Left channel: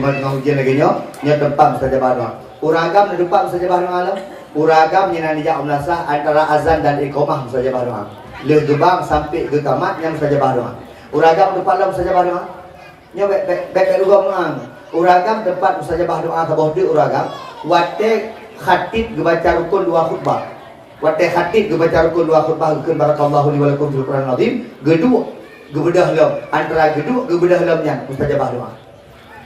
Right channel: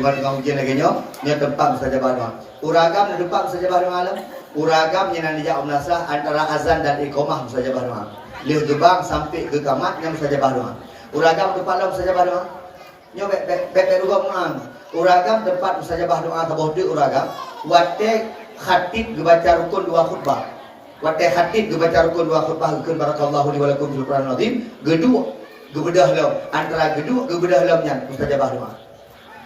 tengah hujan lagi nya tempat saja baru. Uragam di tempat saja baru malam. Uragam yang nanti jauh melasah antara azan dan iqamah saja baru. Leh gebang sampai ke tamat yang saja baru. Uragam tempat lam saja baru. Nya baik rugam nang. Uragam tempat saja baru bawah di uragam. Wate khatib baca rukun 2 khutbah. Wate khatib baca rukun 2 khutbah keun barakallahu li wa lakum fil Qur'an azim. Gedua gebedah lam antara gedua gebedah lamnya mustajabah doa.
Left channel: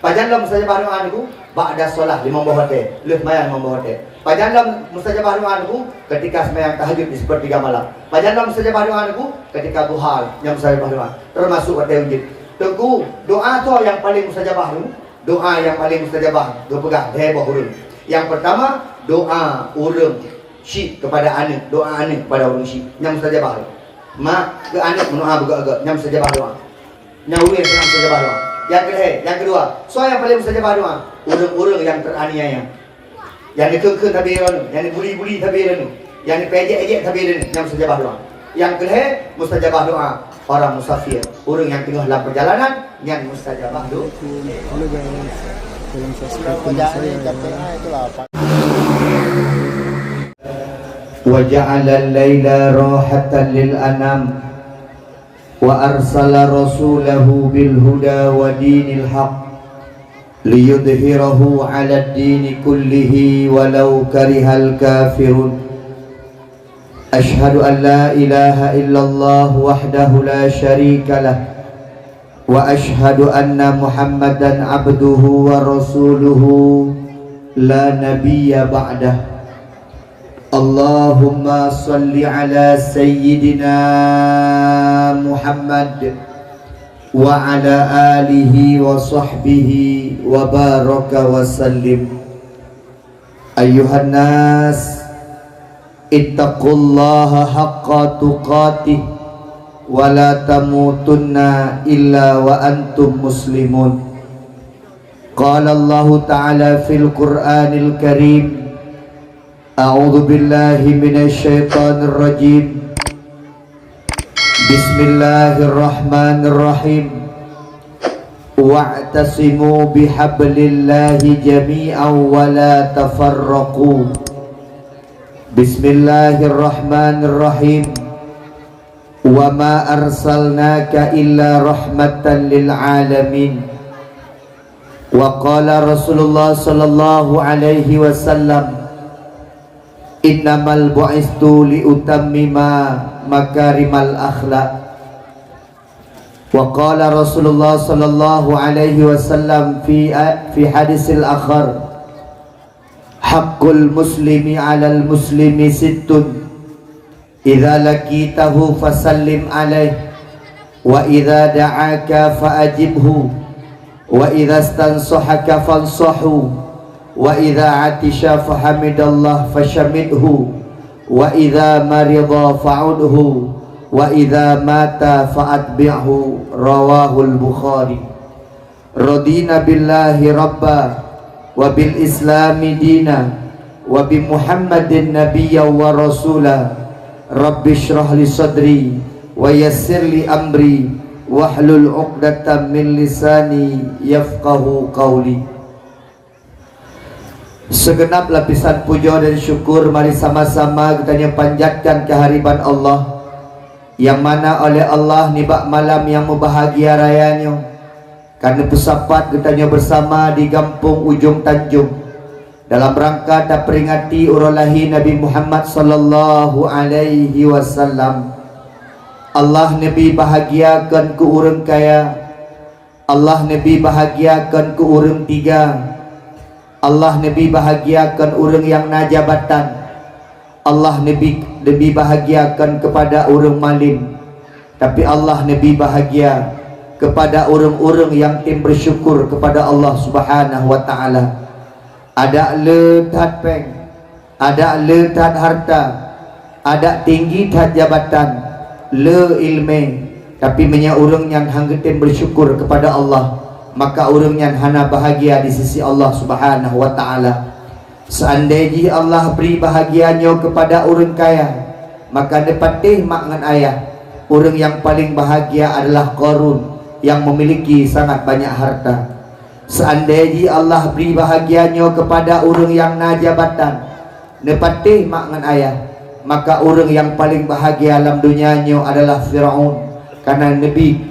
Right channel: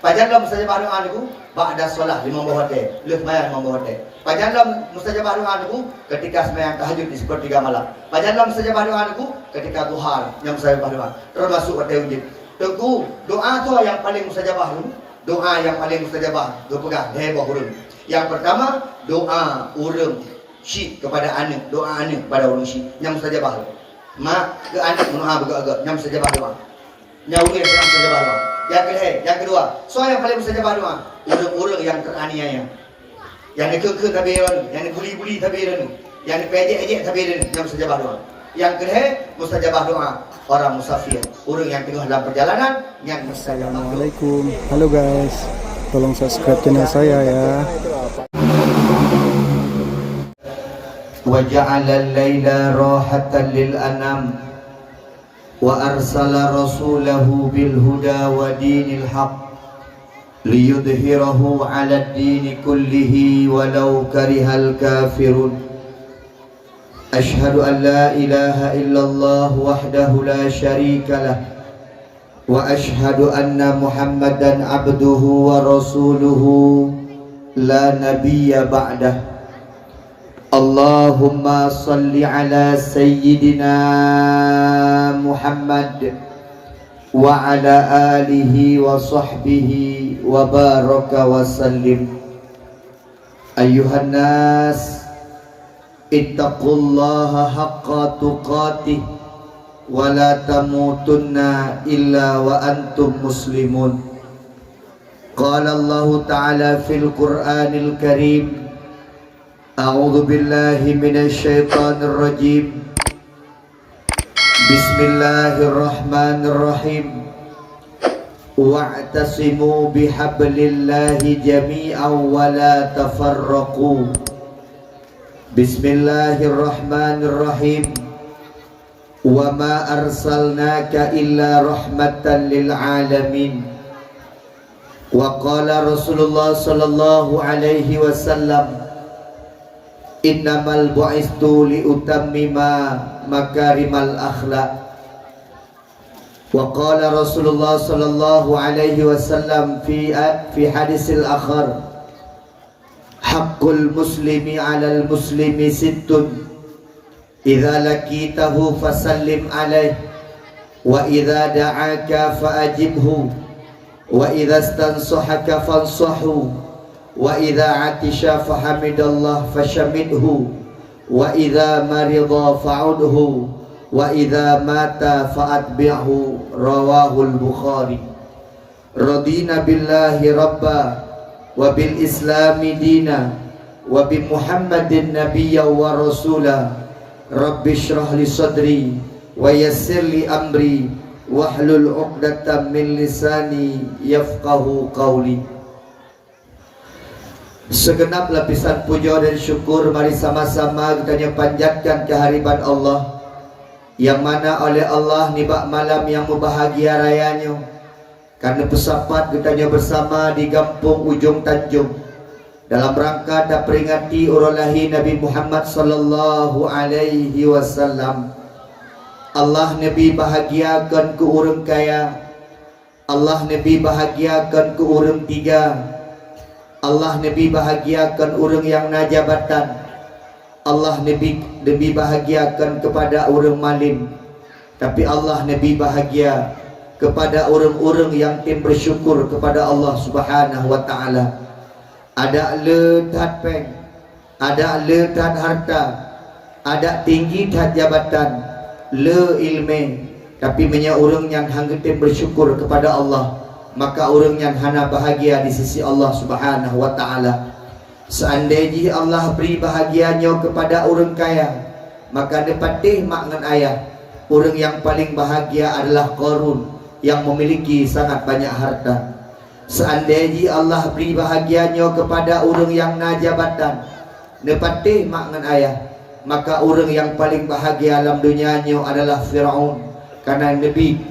Pajan lam mustajabah doa niku ba'da solat 5 bohote, leuh mayan 5 bohote. Pajan lam mustajabah doa niku ketika sembahyang tahajud di sepertiga malam. Pajan lam mustajabah doa niku ketika duha yang mustajabah doa. Termasuk wate ujid. Teguh doa tu yang paling mustajabah niku, doa yang paling mustajabah, do pegang heboh urang. Yang pertama doa urang syik kepada anak, doa anak kepada urang syik yang mustajabah. Mak ke anak menuha agak-agak nyam saja doa. Nyawir yang saja doa. Yang kedua, so yang paling saja doa, urang-urang yang teraniaya. Yang dikekeh tabiran, yang dibuli-buli tabiran, yang dipejek-ejek tabiran nyam saja doa. Yang kedua, mustajabah doa orang musafir, orang yang tengah dalam perjalanan yang mustajabah doa. Assalamualaikum. Halo guys. Tolong subscribe channel saya ya. وجعل الليل راحة للأنام وأرسل رسوله بالهدى ودين الحق ليظهره على الدين كله ولو كره الكافرون أشهد أن لا إله إلا الله وحده لا شريك له وأشهد أن محمدا عبده ورسوله لا نبي بعده Allahumma salli ala sayyidina Muhammad wa ala alihi wa sahbihi wa baraka wa sallim. Ayyuhan nas ittaqullaha haqqa tuqatih wa la tamutunna illa wa antum muslimun. Qala Allah ta'ala fil Qur'anil Karim A'udzu billahi minasyaitonir rajim. Bismillahirrahmanirrahim. Wa'tasimu bihablillahi jami'an wa la tafarraqu. Bismillahirrahmanirrahim. Wa ma arsalnaka illa rahmatan lil alamin. Wa qala Rasulullah sallallahu alaihi wasallam innamal bu'istu liutammima makarimal akhlaq. Wa qala Rasulullah sallallahu alaihi wasallam fi hadisil akhar haqqul muslimi 'alal muslimi sittun idza laqitahu fasallim alaihi wa idza da'aka fa'ajibhu wa idza istansahaka fansahu wa idza atisha fahamidallah fashamidhu wa idza marida fa'udhu wa idza mata fa'atbi'hu. Rawahul Bukhari. Radina billahi rabba wa bil islami dina wa bi Muhammadin nabiyya wa rasula. Rabbi shrah li sadri wa yassir li amri wahlul 'uqdatam min lisani yafqahu qawli. Segenap lapisan puja dan syukur mari sama-sama kita panjatkan kehadiran Allah yang mana oleh Allah nibak malam yang membahagia rayanya karena bersapat kita bersama di kampung Ujung Tanjung dalam rangka tak peringati urulahi Nabi Muhammad sallallahu alaihi wasallam. Allah Nabi bahagiakan ke urang kaya, Allah Nabi bahagiakan ke urang tiga, Allah Nabi bahagiakan orang yang najabatan, Allah Nabi bahagiakan kepada orang malim, tapi Allah Nabi bahagia kepada orang-orang yang tim bersyukur kepada Allah Subhanahu wa taala. Ada letat peng, ada letat harta, ada tinggi tat jabatan, le ilmu, tapi banyak orang yang hanggetin bersyukur kepada Allah, maka orang yang hana bahagia di sisi Allah Subhanahu wa taala. Seandainya Allah beri bahagianya kepada orang kaya, maka dapatih mak ngan ayah. Orang yang paling bahagia adalah Qarun yang memiliki sangat banyak harta. Seandainya Allah beri bahagiannya kepada orang yang na jabatan nepatih mak ngan ayah, maka orang yang paling bahagia alam dunianya adalah Firaun, karena nabi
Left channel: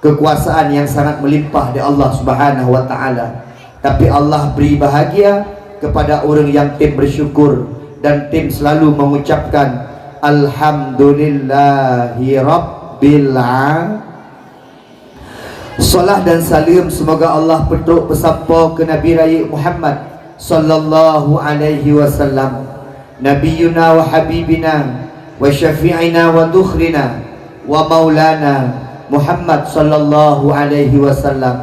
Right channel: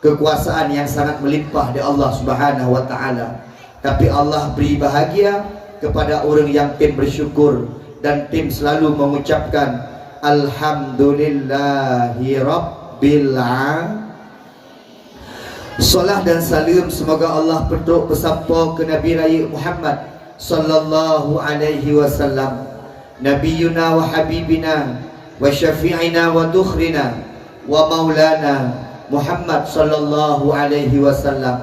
kekuasaan yang sangat melimpah dari Allah Subhanahu wa taala. Tapi Allah beri bahagia kepada orang yang tim bersyukur dan tim selalu mengucapkan alhamdulillahi rabbil alamin. Salat dan salam semoga Allah petuk bersapa ke Nabi Raya Muhammad sallallahu alaihi wasallam, nabiyuna wa habibina wa syafi'ina wa dukhrina wa maulana Muhammad sallallahu alaihi wasallam.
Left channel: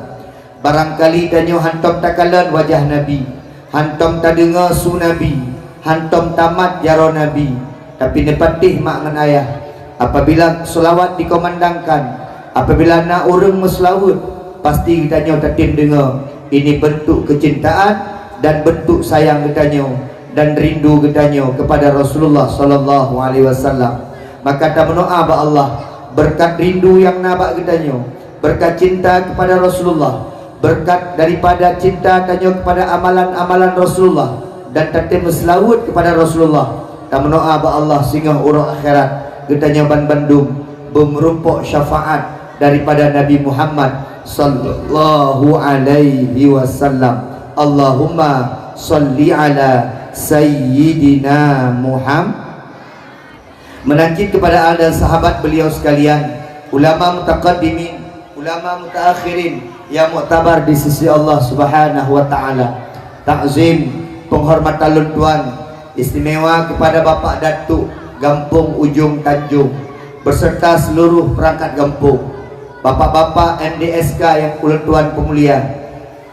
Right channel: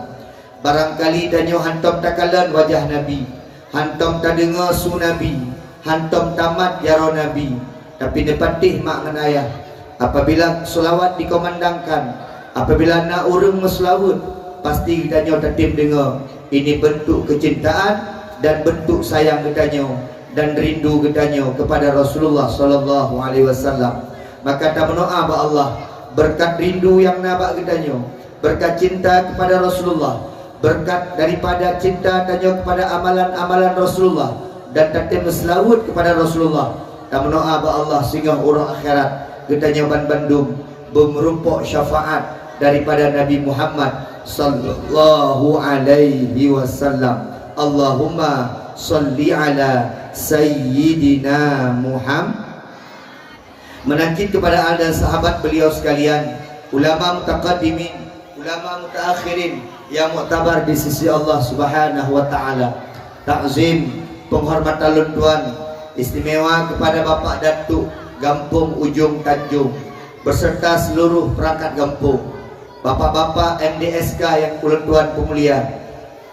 Barangkali tanyo hantam takalan wajah Nabi, hantam tadengar su Nabi, hantam tamat jaro Nabi, tapi nepatih mak ngan ayah apabila selawat dikomandangkan, apabila nak urang meselawat, pasti kita nyo tatim dengar ini bentuk kecintaan dan bentuk sayang kita nyo dan rindu kita nyo kepada Rasulullah sallallahu alaihi wasallam. Maka kita berdoa ba Allah berkat rindu yang nabak kita nyo, berkat cinta kepada Rasulullah, berkat daripada cinta kita nyo kepada amalan-amalan Rasulullah dan tatim meselawat kepada Rasulullah. Kita berdoa ba Allah sehingga urang akhirat kita nyo bandung bemerumpok syafaat daripada Nabi Muhammad sallallahu alaihi wasallam. Allahumma salli ala sayyidina Muhammad. Menangkit kepada anda sahabat beliau sekalian, ulama mutaqaddimin, ulama mutaakhirin yang muktabar di sisi Allah Subhanahu wa taala. Takzim, penghormatan tuan istimewa kepada Bapak Datuk Gampung Ujung Tanjung beserta seluruh perangkat Gampung, bapak-bapak MDSK yang tuan pemulia,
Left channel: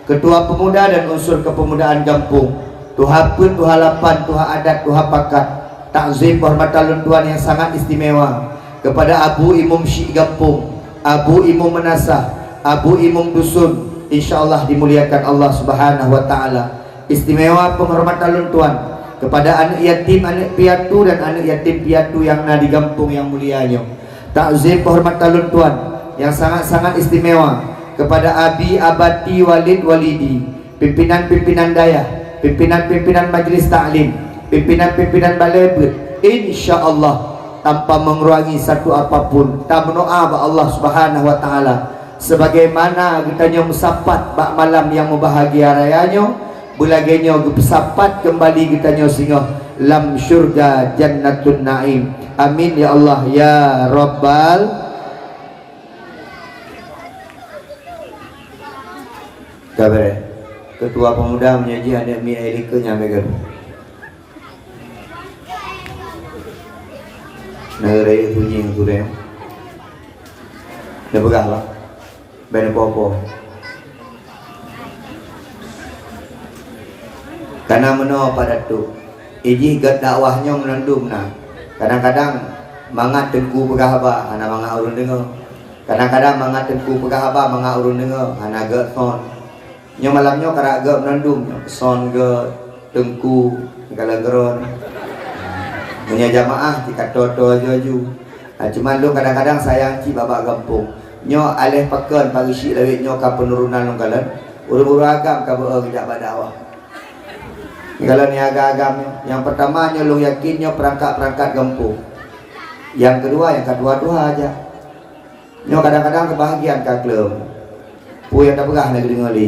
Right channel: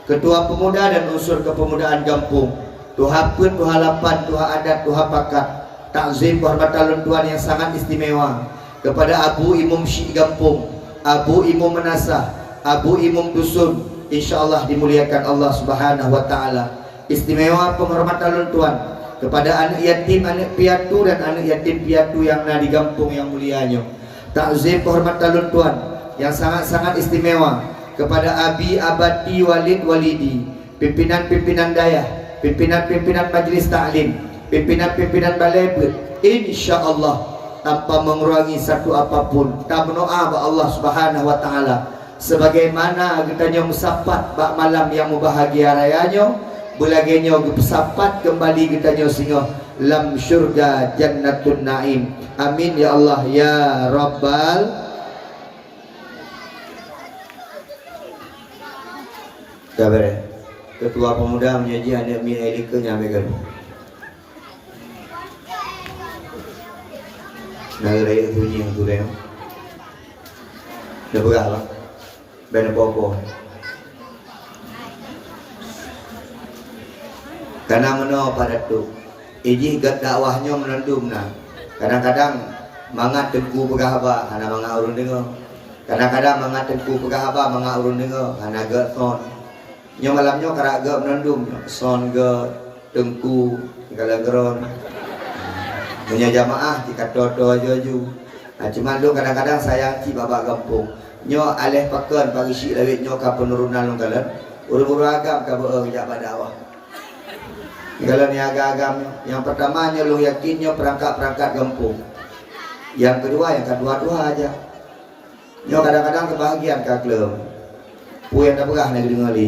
ketua pemuda dan unsur kepemudaan Gampung, tuha pun, tuha lapan, tuha adat, tuha pakat. Takzim penghormatan tuan yang sangat istimewa kepada Abu Imam Syekh Gampung, Abu Imam Menasah, Abu Imam Dusun, insyaallah dimuliakan Allah Subhanahu wa taala. Istimewa penghormatan tuan kepada anak yatim, anak piatu dan anak yatim piatu yang ada di Gampung yang mulianya. Takzim penghormatan tuan yang sangat-sangat istimewa kepada Abi Abati Walid Walidi, pimpinan-pimpinan dayah, pimpinan-pimpinan majlis taklim, pimpinan-pimpinan balai belut, insyaallah tanpa mengurangi satu apapun. Tak berdoa ba Allah Subhanahu wa taala sebagaimana kita nyo mesapat bak malam yang membahagia rayanya, bulagenya bersapat kembali kita nyo singa lam syurga jannatun naim. Amin ya Allah ya rabbal. Kabar ketua pemuda menyaji anak mi elika nyampe negara itu yang tu deh, dah berapa? Banyak popo. Karena meno pada tu, iji gat dakwahnya menandum nah. Kadang-kadang mangat tengku pegahaba, anak mangat urun dengar. Kadang-kadang mangat tengku pegahaba, mangat urun dengar, anak gat son. Nyo malamnya karak gat menandum, son gat tengku kalau geron. Punya jamaah kita toto joju. Cuman lu kadang-kadang sayang ci babak Gampung. Nyo alih pakan pagi syik lawit nyo ka penurunan lu kalan. Uru-uru agam ka beuh tidak badawa. Kalau ni agam yang pertama nyo lu yakin nyo perangkat-perangkat Gampung. Yang kedua yang kedua aja. Nyo kadang-kadang kebahagiaan ka klub. Pu yang tak pegah negeri ngoli.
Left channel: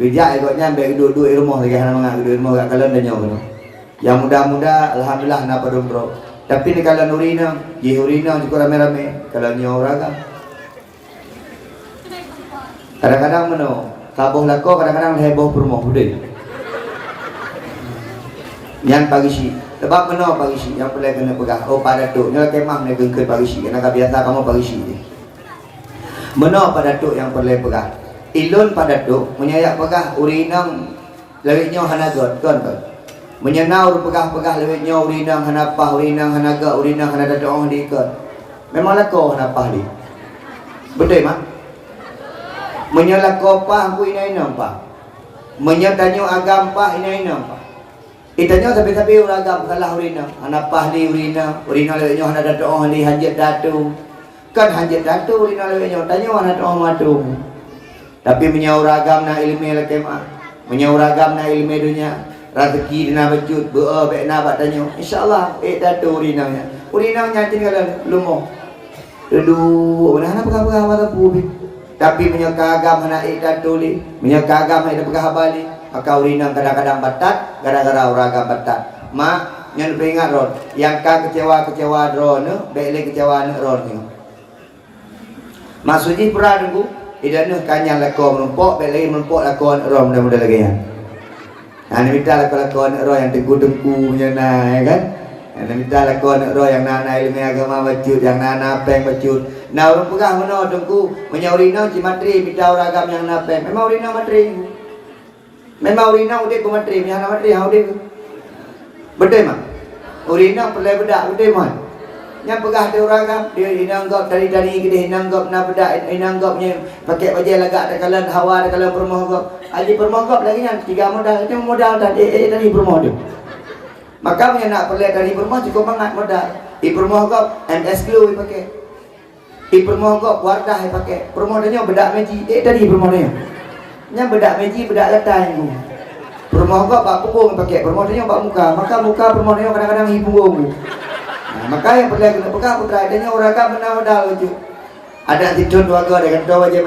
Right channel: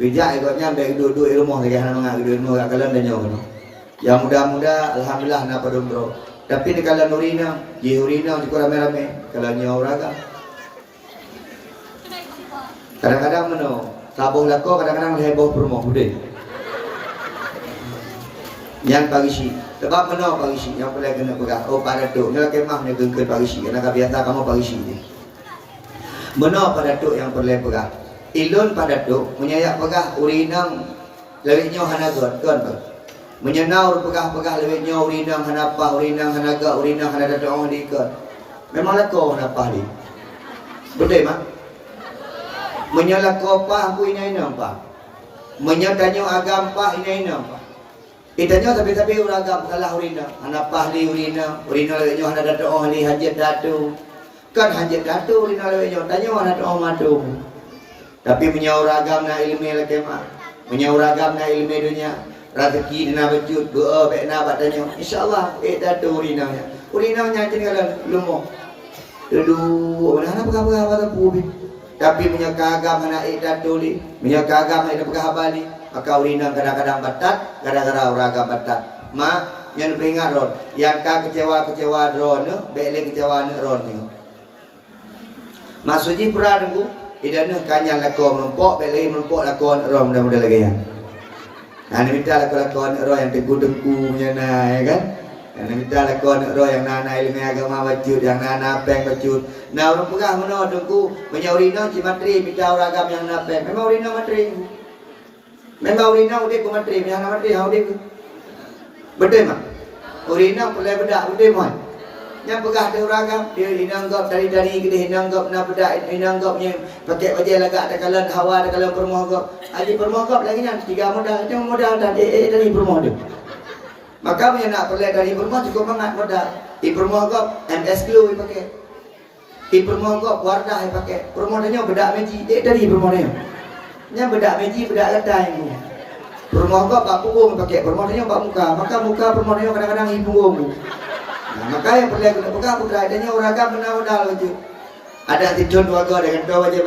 Bijak ikutnya baik duduk di rumah lagi hana mangak di rumah kat kalan dan nyo. Yang muda-muda alhamdulillah nak berumroh. Tapi ni kalau nurina, urina juga rame-rame. Kalau ni orang kadang-kadang meno, kabuh lako kadang-kadang heboh permoh udah. Yang pagi si, sebab meno pagi si yang boleh kena pegang. Oh pada tu, ni kemah ni ke pagi si. Karena biasa kamu pagi si ni. Meno pada tu yang boleh pegang. Ilun pada tu menyayak pegang urina lewitnya hanagot kan. Menyenau pegah-pegah lewitnya urinang hanapah, urinang hanaga, urinang hanaga doang di ke. Memanglah kau hanapah di. Betul mak? Menyala kau pah aku ini nampak. Menyakanyo agam pah ini nampak. Itanya tapi orang agam salah urinang. Hanapah di urinang lewitnya hanaga doang di hajat datu. Kan hajat datu urinang lewitnya tanya hanaga doang matu. Tapi menyauragam na ilmu lekema, menyauragam na ilmu dunia, rezeki dina becut, doa baik na bak tanya. Insyaallah datu urinanya. Urinanya tinggalan lumo. Dulu mana apa pubi. Tapi menyakagam na datu li, menyakagam na pegah bali, maka urinang kadang-kadang batat, gara-gara uragam batat. Ma yang peringat ron, yang kecewa ron, baik kecewa ron. Maksudnya perang tu idan kanyang lakon mempok belai mempok lakon rom mudah-mudah lagi ya. Ana minta lakon ro yang tengku-tengku punya ya kan. Ana minta lakon ro yang nana ilmu agama bacut, yang nana peng bacut. Nah orang pegah meno tengku menyaurina cimatri minta orang agama yang nana peng. Memang urina matri. Memang urina udah ku matri, yang matri hau dia. Betul mah. Urina pelai bedak betul mah. Yang pegah dia orang kan dia inanggap dari kita inanggap na budak inanggapnya pakai baju lagak ada kalan hawa ada kalan permohon aji permohon lagi yang tiga modal dan dari permohon maka punya nak perle dari permohon cukup banget modal di permohon MS glue pakai di permohon wardah pakai permohonnya bedak meji dari permohonnya nya bedak meji bedak letai yang permohon bak punggung pakai permohonnya bak muka maka muka permohonnya kadang-kadang hibung. Nah, maka yang perlu kita pegang putra adanya orang kan menawar itu. Ada tidur dua gor dengan tahu aja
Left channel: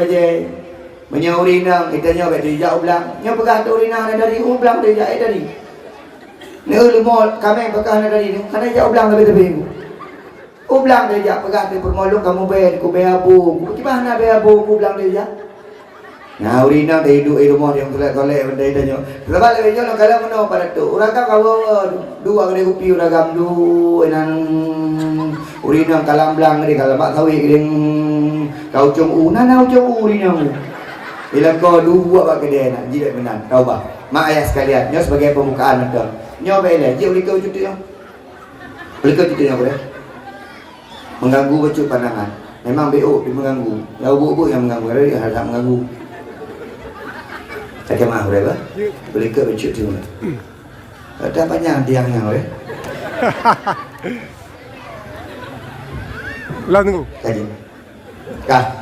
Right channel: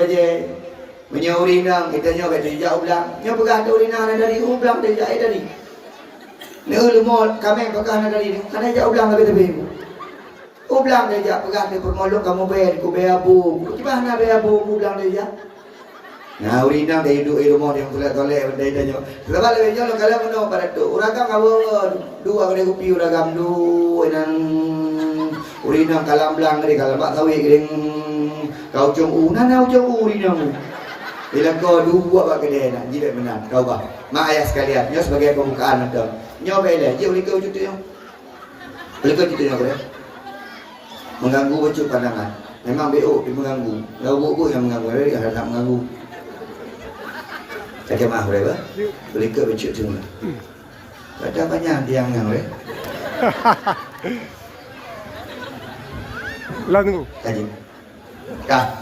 menyaurinang kita nyawa dari jauh belang. Yang pegang urinang dari ublang dari jauh dari. Ni ulumol kami pegang dari ni karena jauh belang lebih. Ublang dari jauh pegang di permolok kamu bayar ku bayar bu. Tiba nak bayar bu ublang dari jauh. Nah urinang dari ilmu yang tolak dari tanya. Sebab lebih jauh kalau mana pada tu. Orang kan kalau dua kali kopi orang gamdu dan urinang kalam belang dari kalau mak tahu yang kau cung nana cung urinang. Bila kau dua bak kedai nak jidat menang. Kau bah. Mak ayah sekalian. Nyo sebagai pembukaan betul. Nyo baiklah. Jauh likau cuti yang. Likau cuti yang boleh. Mengganggu becut pandangan. Memang BO dia mengganggu. Kau bu yang mengganggu. Dia harus mengganggu. Kata maaf berapa? Boleh ke becut tu? Kata banyak tiangnya boleh. Lah tunggu. Kaji. Kah.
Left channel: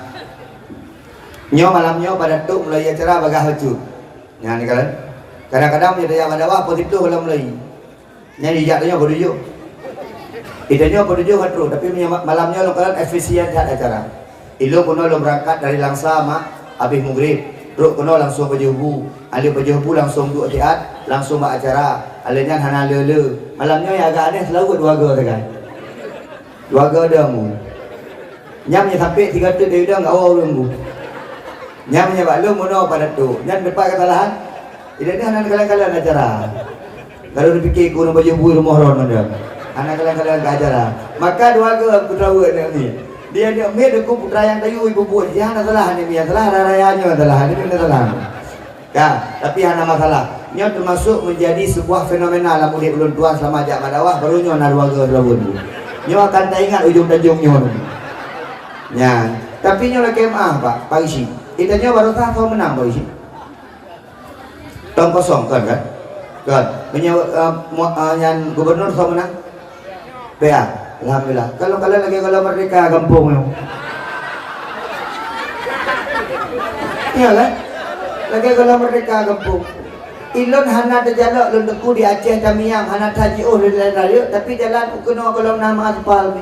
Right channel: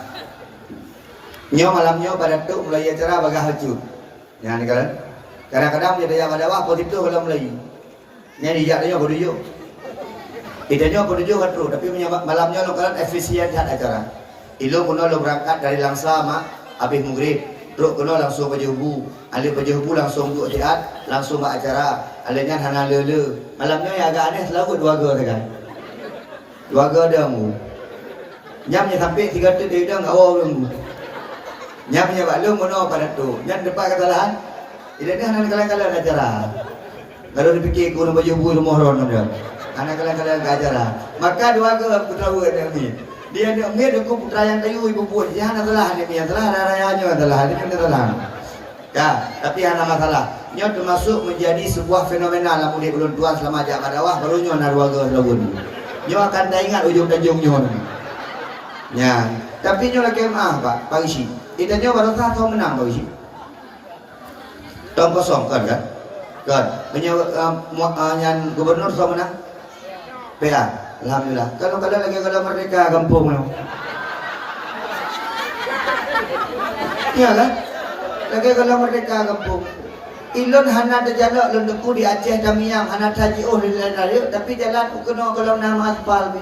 Nyo malamnya pada tu mulai acara bagah haju. Yang ni kan. Kadang-kadang dia yang ada apa itu kalau mulai. Nyari jatuhnya bodoh. Idenya bodoh kan tu, tapi malamnya lo kan efisien acara. Ilo kuno lo berangkat dari Langsa mak habis maghrib. Terus kena langsung baju hubu. Alih baju hubu langsung duduk tiat, langsung buat acara. Alihnya hana lele. Malamnya yang agak aneh selalu dua ga kan. Dua ga dia mu. Nyamnya sampai 3 detik dia enggak awal nunggu. Nyamnya bak lu mono pada tu. Nyam depan kesalahan. Tidak ni hana kalian-kalian acara. Kalau dipikir guru baju hubu rumah ron dia. Hana kalian-kalian acara. Maka dua ga putra ni. Dia mir aku putra yang kayu ibu buat jangan salah ni dia salah rayanya salah dia salah. Ya, tapi ada masalah. Nya termasuk menjadi sebuah fenomena lah mudik ulun tuan selama ajak madawah barunya na dua ga labun. Nya akan tak ingat ujung-ujungnya. Ya, tapi nya lagi Pak isi. Itanya baru tak kau menang Pak isi. Tong kosong kan? Kan. Yang gubernur kau menang. PA. Alhamdulillah. Kalau kalian lagi kalau merdeka kampung. Iya kan? Lagi kalau merdeka kampung. Ilun hana terjalak lendeku di Aceh Tamiang, hana tajiuh dari tapi jalan kuno kalau nama aspal.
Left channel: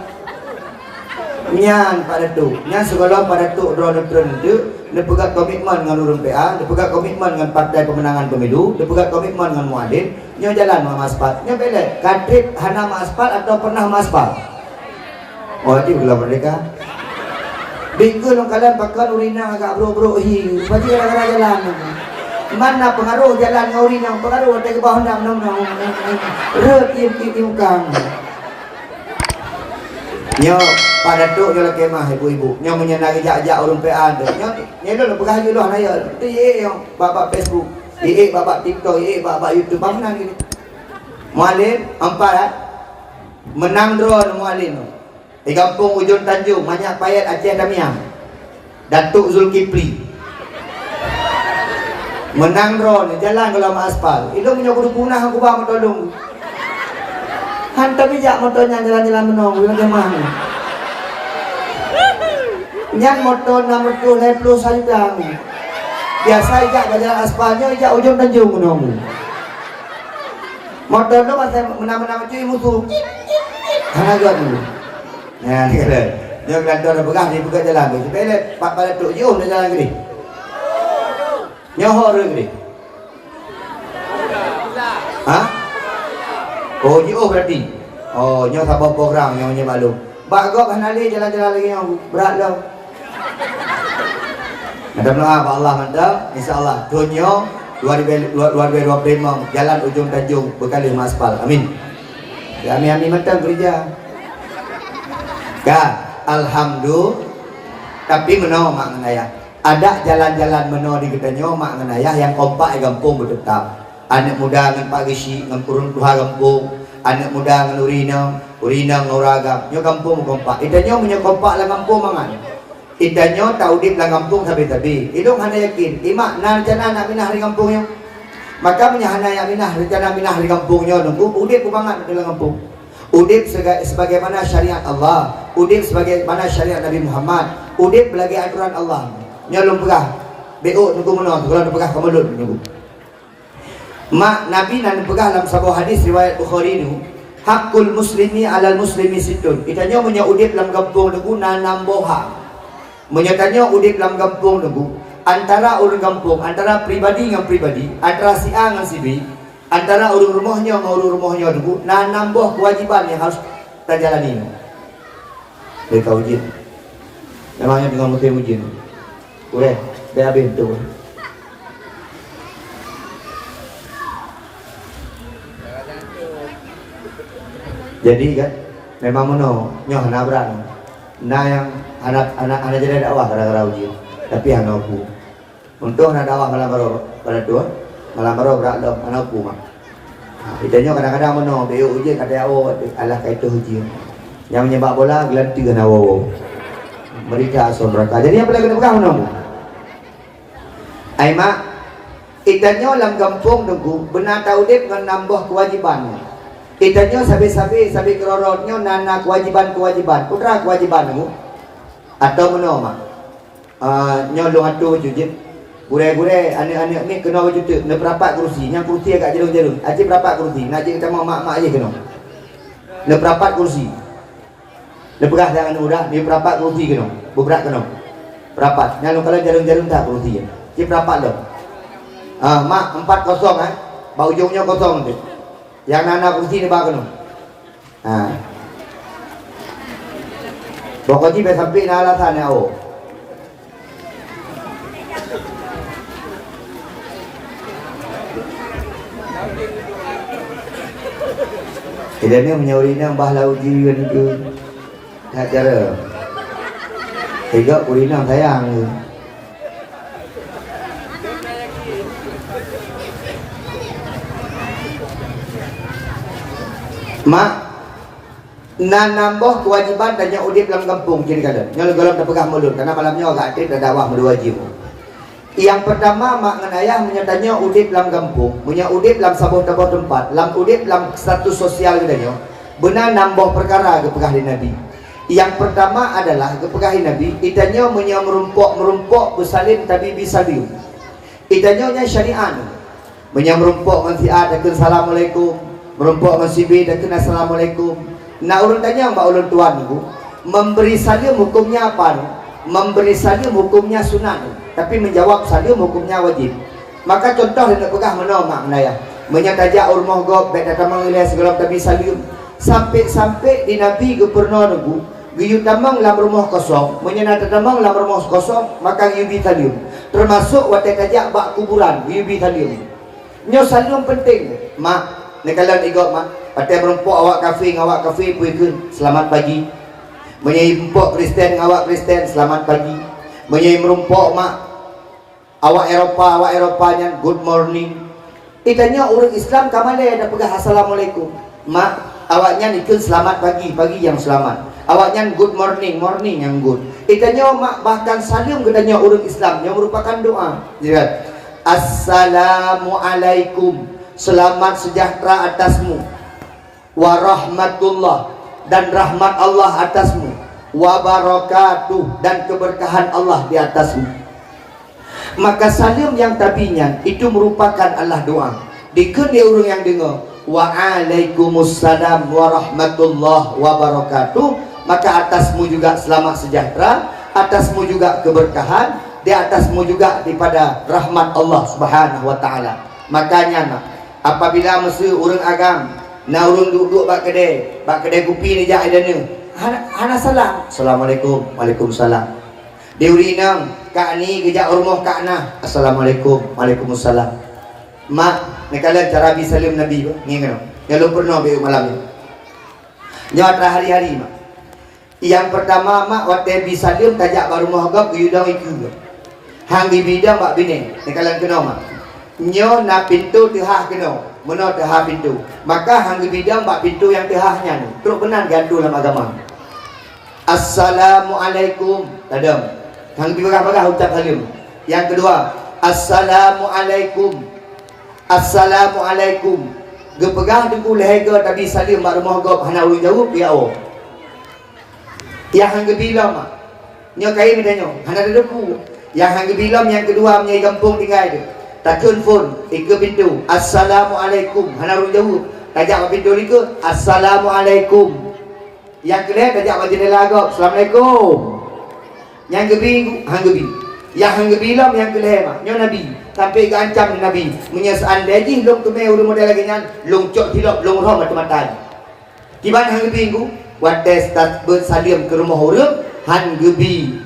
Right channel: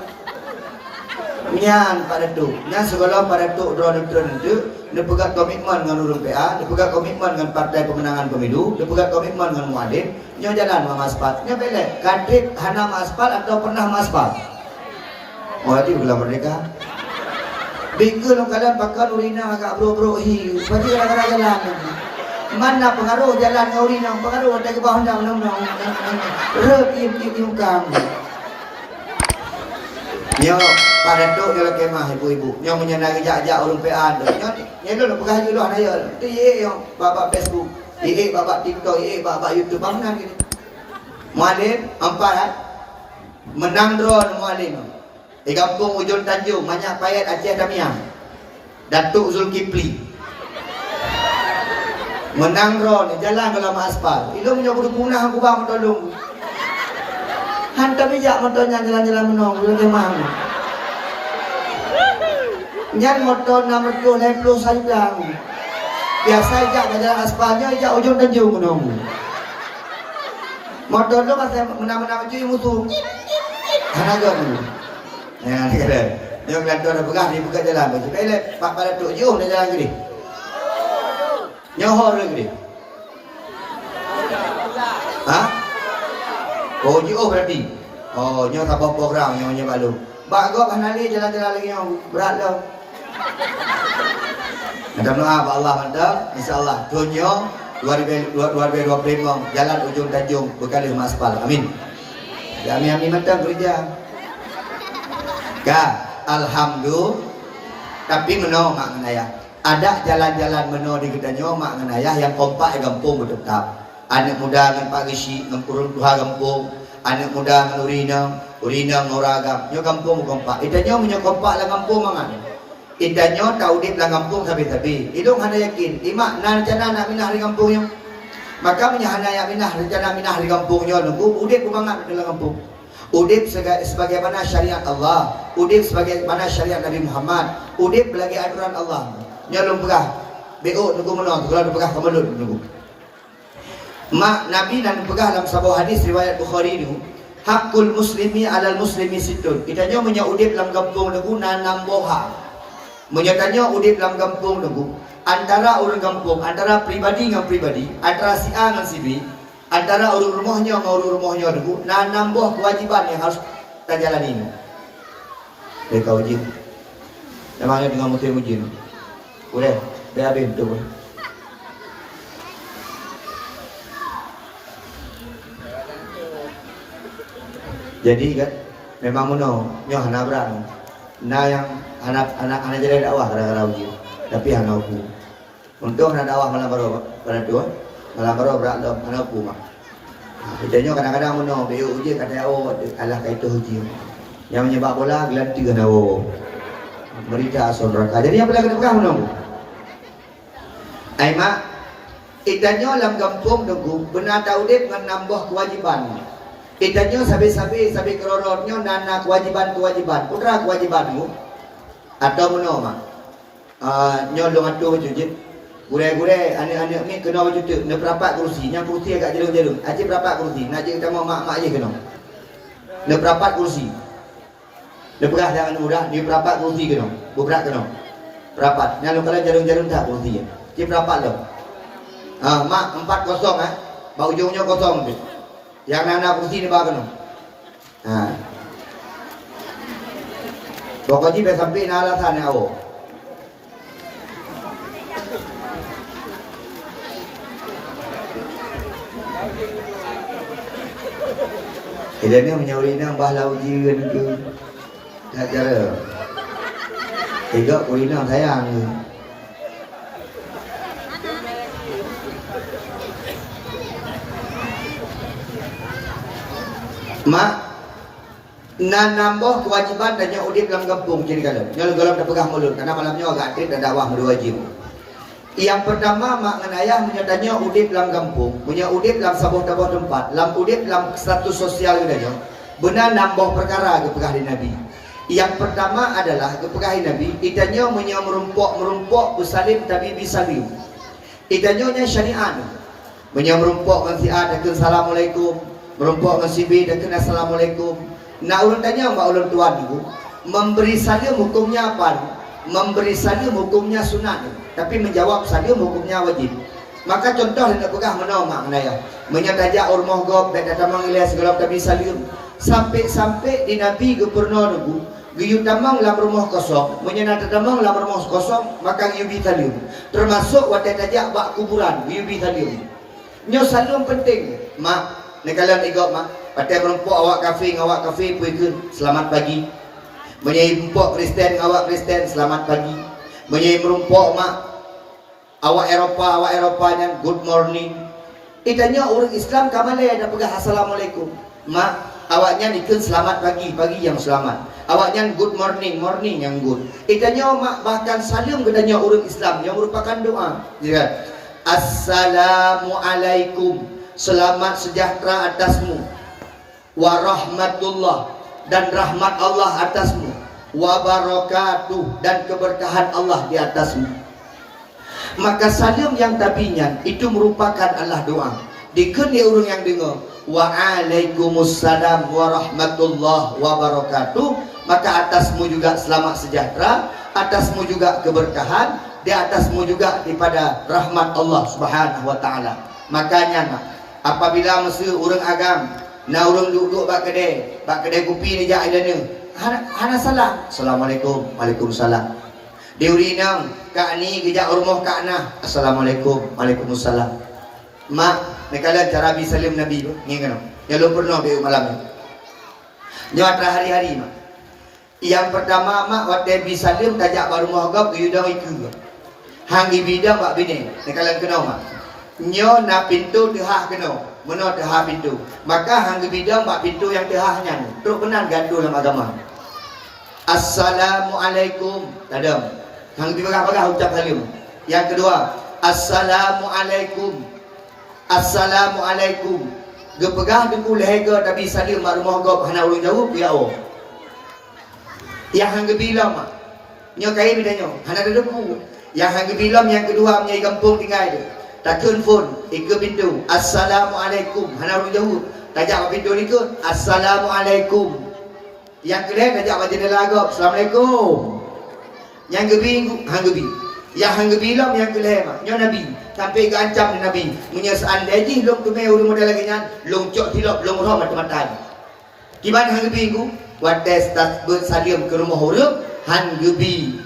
Nyan pada tu, nyan segala pada tu drone tu, dia pegang komitmen dengan urun PA, dia pegang komitmen dengan partai pemenangan pemilu, dia pegang komitmen dengan muadin, nyo jalan mengaspal. Nyo bela, kadrik hana mengaspal atau pernah mengaspal. Oh hati belum merdeka. Bingkul kalian pakai urina agak bro-bro hi, pasti kalian jalan. Mana pengaruh jalan urina, pengaruh ada ke bawah nang. Rep kang. Nyo pada tu kalau kemah ibu-ibu, nyo menyenangi jak-jak orang PA tu. Nyo dulu pegah je dah naya. Tu yang bapak Facebook, bapak TikTok, bapak YouTube bangunan gini. Muallim 4 menang drone muallim. Di kampung Ujung Tanjung, banyak payat Aceh Tamiang. Datuk Zulkifli. Menang drone, jalan dalam aspal. Itu punya punah aku bang tolong. Hantar bijak motornya jalan-jalan menong, bilang kemana. Nyan motor 60 leplo saljang. Biasa ijak jalan aspalnya ijak ujung Tanjung menunggu. Motor tu masih menang-menang cuy musuh. Hanya agak dulu. Ya, dia kelantar dah pegang dia buka jalan. Sepele pak pada tu jauh dah jalan gede. Nyohor gede. Hah? Oh, jauh berarti. Oh, nyoh tak bawa program yang punya malu. Bagok hanali jalan-jalan lagi yang berat dah. Ada doa Allah mantap, insyaallah. Tunyo 2025 jalan ujung Tanjung berkali aspal. Amin. Ya, amin mantap gereja. Ya, alhamdulillah. Tapi meno mak menayah. Ada jalan-jalan meno di Gedanyo mak menayah yang kompak gampung bertetap. Anak muda dengan Pak Gisi dengan turun Tuhan kampung. Anak muda dengan Urina ngoragam. Nyo kampung kompak. Idanyo punya kompak lah kampung mangan. Idanyo tahu di belah kampung tabi-tabi. Idung hana yakin. Imak na rencana nak minah di kampungnya. Maka punya hana yang minah rencana minah di kampungnya nunggu. Udip kumangat di dalam kampung. Udip sebagaimana syariat Allah. Udip sebagaimana syariat Nabi Muhammad. Udip belagi aturan Allah. Nyolong pegah. Beo nunggu menang. Kalau nunggu pegah kemulut nunggu. Mak Nabi nan pegah dalam sebuah hadis riwayat Bukhari itu. Hakul muslimi alal muslimi situn. Idanyo punya udip dalam kampung nunggu nanam boha. Menyatanya udip dalam kampung nunggu antara orang kampung, antara pribadi dengan pribadi, antara si A dengan si B, antara orang rumahnya dengan orang rumahnya nunggu nambah kewajiban yang harus terjalani. Mereka ujian. Memangnya dengan musim ujian. Boleh, dah habis tu. Jadi kan, memang meno nyoh nabrak. Nah yang anak jadi dakwah gara-gara ujian. Tapi anak aku. Untuk anak dakwah malam baru pada dua, malam baru berat dah anak aku mah. Bedanya kadang-kadang meno beo ujian kata awak alah kaitu ujian. Yang menyebab bola gelanti kan awak. Mereka asal mereka. Jadi apa lagi nak pegang meno? Ai mak ikannya dalam kampung nunggu benar tahu dia dengan nambah kewajiban. Ikannya sabi kerorotnya nana kewajiban putra kewajiban itu atau meno mak nyolong atu jujit gure-gure anak-anak ni kena wujud nak berapat kursi yang kursi agak jarum-jarum aje berapat kursi nak kita mau mak aje kena nak berapat kursi nak berah jangan mudah ni berapat kursi kena berat kena berapat nak kalau jarum-jarum tak kursi je berapat dah mak 4-0 bau ujungnya kosong tu. Yang nana kursi ni bawa kena. Pokoknya sampai sampai na alasan ni awak. Dia ni punya urina bahlah ujian tu. Tak cara. Tiga urina sayang ni. Mak nan nambah kewajiban dan yang udip dalam kampung kiri kanan. Nyolong golong terpegang mulut karena malamnya agak aktif dan dakwah berwajib. Yang pertama mak dengan ayah menyatanya udip dalam kampung, punya udip dalam sebuah tempat, dalam udip dalam status sosial katanya. Benar nambah perkara kepegah di Nabi. Yang pertama adalah kepegah di Nabi, itanya punya merumpok bersalim tapi bisalim. Itanya syariat. Punya merumpok mensiat dan assalamualaikum. Merumpok masih dan kena assalamualaikum. Nak urut tanya mbak ulun tuan ku, memberi salim hukumnya apa? Memberi salim hukumnya sunat, tapi menjawab salim hukumnya wajib. Maka contoh yang nak pegang mana mak menaya, menyatajak urmah gop dan datang mengilah segala tapi salim. Sampai di Nabi ke pernah nunggu, giyu tamang lam rumah kosong, menyenat tamang lam rumah kosong, maka giyu salim. Termasuk wadah tajak bak kuburan, giyu salim. Nyo salim penting, mak. Ni kalian ikut mak, pakai merumpok awak kafir puikun, selamat pagi. Menyai merumpok Kristen awak Kristen, selamat pagi. Menyai merumpok mak awak Eropanya, good morning. Ikannya orang Islam kamale ada pegah assalamualaikum. Mak awaknya ikut selamat pagi yang selamat. Awaknya good morning yang good. Ikannya mak bahkan salim katanya orang Islam yang merupakan doa. Lihat, assalamualaikum. Selamat sejahtera atasmu, warahmatullah dan rahmat Allah atasmu, wabarakatuh dan keberkahan Allah di atasmu. Maka salam yang tabinya itu merupakan Allah doa. Dikun dia orang yang dengar Waalaikumsalam warahmatullahi wabarakatuh. Maka atasmu juga selamat sejahtera, atasmu juga keberkahan, di atasmu juga daripada rahmat Allah Subhanahu wa taala. Makanya apabila mesti orang agam na orang duduk bak kedai kopi ni jak ada ni. Hana salam. Assalamualaikum. Waalaikumsalam. Deuri nang kak ni kejak rumah kak nah. Assalamualaikum. Waalaikumsalam. Mak, ni kala cara bi salim Nabi tu. Ni kan. Yang lu pernah be malam ni. Nyata hari-hari mak. Yang pertama mak waktu bi salim kajak baru rumah gap yudang iku. Hang di bidang bak bini. Ni kala kena mak. Nyo na pintu tehah kena. Mana tehah pintu. Maka hang di bidang bak pintu yang tehahnya. Terus benar gandu dalam agama. Assalamualaikum. Tadam. Hang di bagah-bagah ucap salim. Yang kedua, Assalamualaikum. Assalamualaikum. Gepegah dengku lehega tapi salim mak rumah gop hana ulun jauh ya Allah. Yang hang gebilam mak. Nyo kain ni danyo. Hana ada deku. Yang hang gebilam yang kedua menyai kampung tinggal dia. Takun phone ke pintu. Assalamualaikum. Hana ulun jauh. Tajak pintu ni ke Assalamualaikum. Yang kedua tajak jendela gop. Assalamualaikum. Yang gebi hang gebi. Yang hang gebilam yang keleh mak. Nyo Nabi. Sampai ke ancam Nabi. Menyesaan deji long tu me ulun modal lagi nyan. Long cok tilok long roh mata-mata. Kiban hang gebi ku. Wates tak bersalim ke rumah orang hang gebi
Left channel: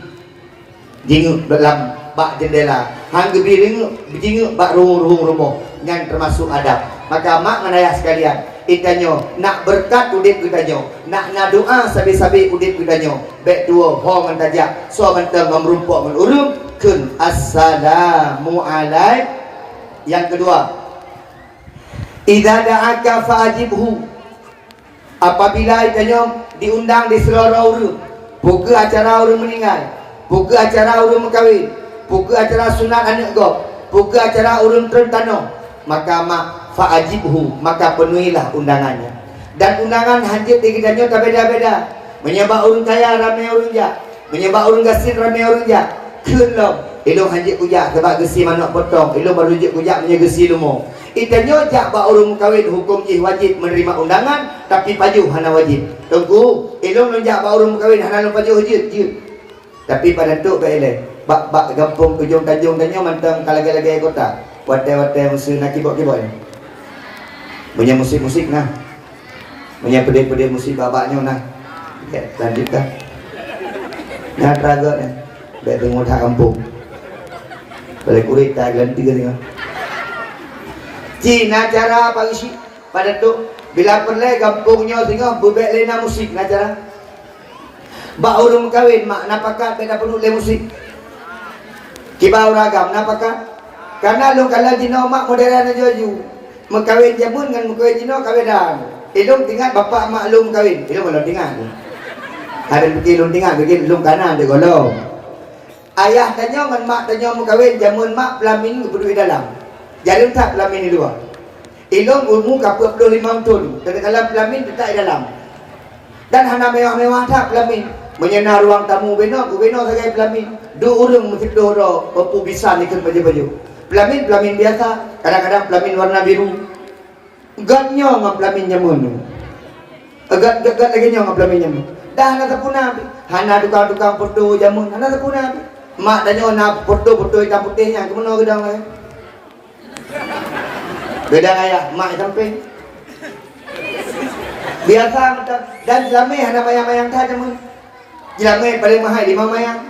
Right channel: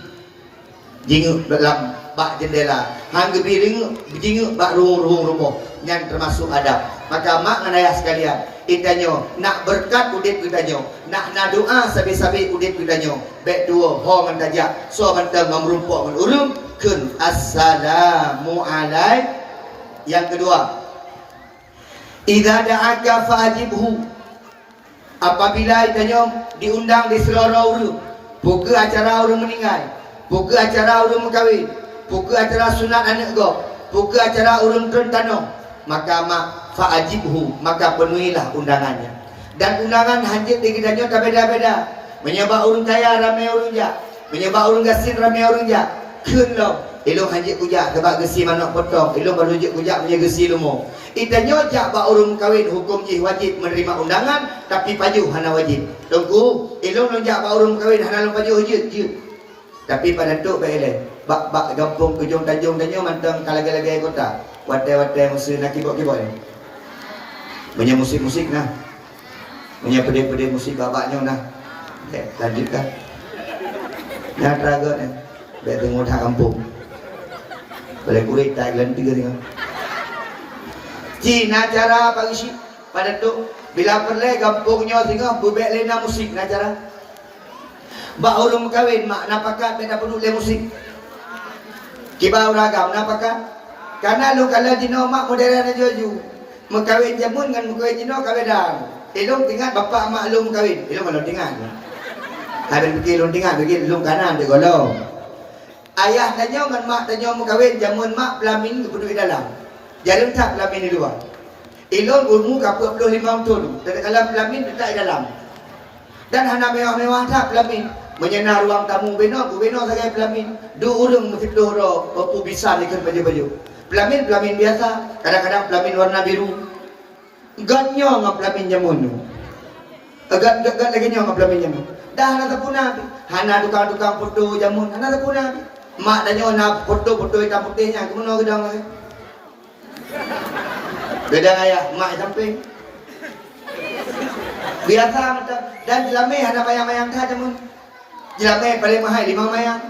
jing dalam bak jendela hang gebi jing bak ruang rumah yang termasuk adab. Maka mak ngan ayah sekalian itanyo nak berkat udit itanyo nak doa sabi-sabi udit itanyo baik dua ho ngan tajak so mentang merumpok ngan urung kun assalamu alaikum. Yang kedua idza da'aka fa'ajibhu. Apabila itanyo diundang di seluruh urut, buka acara urut meninggal, buka acara urut berkahwin, buka acara sunat anak gop, buka acara urut tertano, maka mak fa'ajibhu, maka penuhilah undangannya. Dan undangan hanjit di kitanya tak beda-beda. Menyebab urut kaya ramai urut jak, menyebab urut gasin ramai urut jak. Kunlo, elok hanjit kujak sebab gesi mana potong, elok baru hanjit kujak punya gesi lumo. Itanyo jak ba urung kahwin hukum jih wajib menerima undangan tapi paju hana wajib. Tengku elok lonjak ba urung kahwin hana paju wajib je. Tapi pada tok ba ele. Bak gampung kejong tajung tanyo mantang kalagi-lagi kota. Wate-wate musim nak kibok-kibok ni. Punya musik-musik nah. Punya pede-pede musik babaknya nah. Lanjutkan. Nah teraga ni. Baik tengok tak kampung. Boleh kulit tak gelanti ke tengok. Cina cara pagi si pada tu bila perle kampungnya tengok bubek lena musik na cara. Ba urung kawin mak napaka beda perlu le musik. Kiba uragam napaka. Karena lu kala dino mak modern joju. Mengkawin jamun dengan mengkawin dino kawedan. Ilung tinggal bapak mak lum kawin. Ilung belum tinggal. Ada fikir lum tinggal fikir lum kanan de golong. Ayah tanya dengan mak tanya mengkawin jamun mak pelamin kudu di dalam. Jadi tak pelamin di luar. Ilung umur kapur 25 tahun. Dalam pelamin tak di dalam. Dan hana mewah-mewah tak pelamin. Menyenang ruang tamu beno, ku beno sebagai pelamin. Du urung mesti dohro, papu bisa nikah baju-baju. Pelamin biasa, kadang-kadang pelamin warna biru. Ganyo ngap pelamin jamun. Agak lagi nyo ngap pelamin jamun. Dah hana tapuna. Hana tukang-tukang foto jamun, hana tapuna. Mak danyo na foto-foto hitam putihnya, kemono gedang lagi. Beda ayah, mak samping. Biasa macam dan jelame ada mayang-mayang tak jamun. Jelame paling mahal 5 mayang.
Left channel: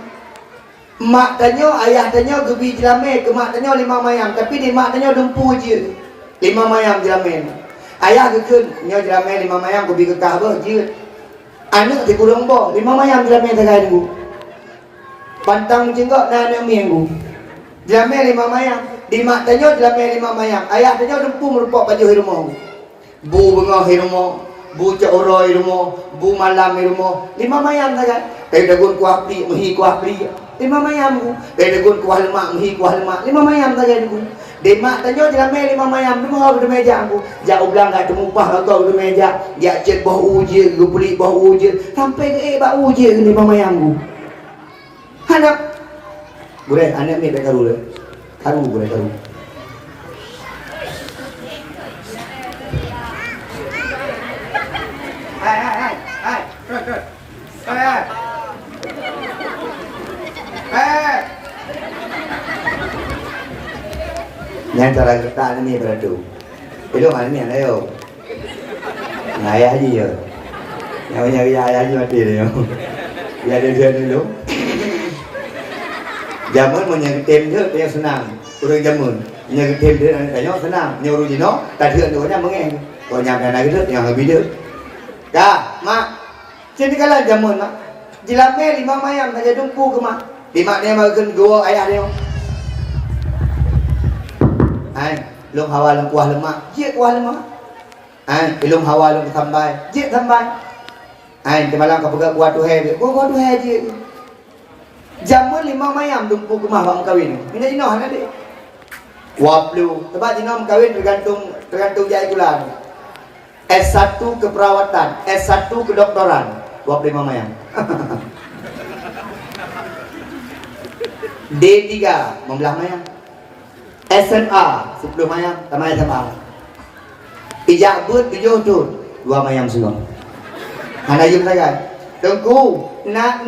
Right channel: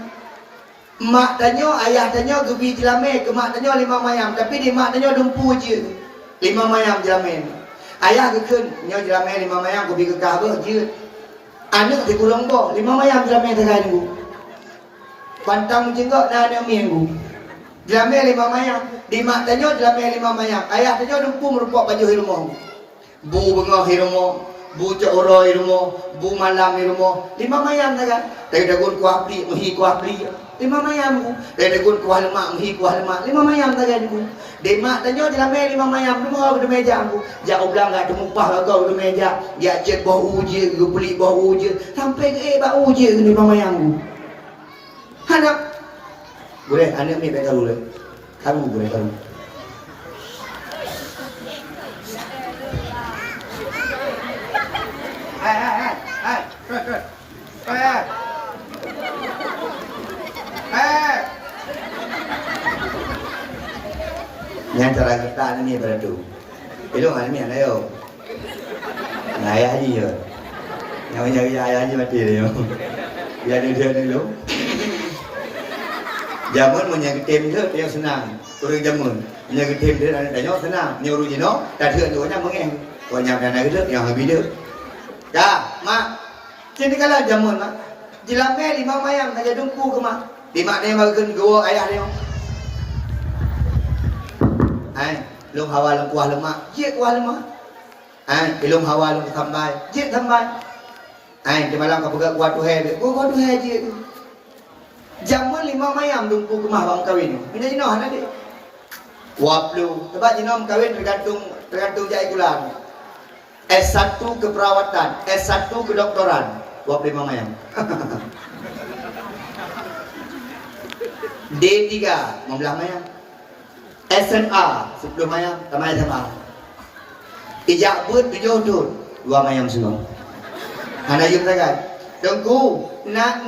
Mak tanyo, ayah tanyo gebi jelame ke mak tanyo 5 mayang, tapi di mak tanyo dumpu je. 5 mayang jelame. Ayah gekun nyo jelame 5 mayang gebi ke Kaabah je. Anak di kurang bo 5 mayang jelame tagai ngu. Pantang jenggok dan anak minggu. Jelame 5 mayang. Di mak tanyo jelame 5 mayang. Ayah tanyo dumpu merupak baju rumah. Bu bengah rumah. Bu coro rumah, bu malam rumah, 5 mayam saja. Dari dagun kuah pli, muhi kuah pli, 5 mayam. Dari dagun kuah lemak, muhi kuah lemak, 5 mayam saja itu. Demak tanya jelame 5 mayam, rumah di meja aku. Jak ulang gak temupah kau di meja, jak cet bau uje, gupuli bau uje, sampai ke bau uje 5 mayam aku. Anak, boleh anak ni tak tahu le. Karu boleh karu. Hai. Terus. Yang cara kita ini beradu. Itu mana ni ada yo. Ayah aja yo. Yang nyari ayah aja mati dia. Ya dia dulu. Zaman menyetem tu dia senang. Orang zaman menyetem dia tanya senang. Nyuruh jino, tak dia tu nya mengeng. Kau nyampe nak dia yang habis dia. Kak, mak. Sini kalau zaman mak. Jilame 5 mayam saja dumpu ke mak. 5 dia makan gua ayah dia. Lung hawa lung kuah lemak, je kuah lemak. Ilung hawa lung sambai, je sambai. Di malam kau pegang kuah tuhai dia, kuah tuhai je. Jamun 5 mayam dumpu ke maham kawin. Ini jino hana dia. Waplu, sebab jino kawin tergantung jai kulan. S1 keperawatan, S1 kedoktoran, 25 mayam. D3 membelah mayam. SMA 10 mayam, tamat SMA. Ijabut 7 tu, 2 mayam semua. Hana jum sangat. Tengku, nak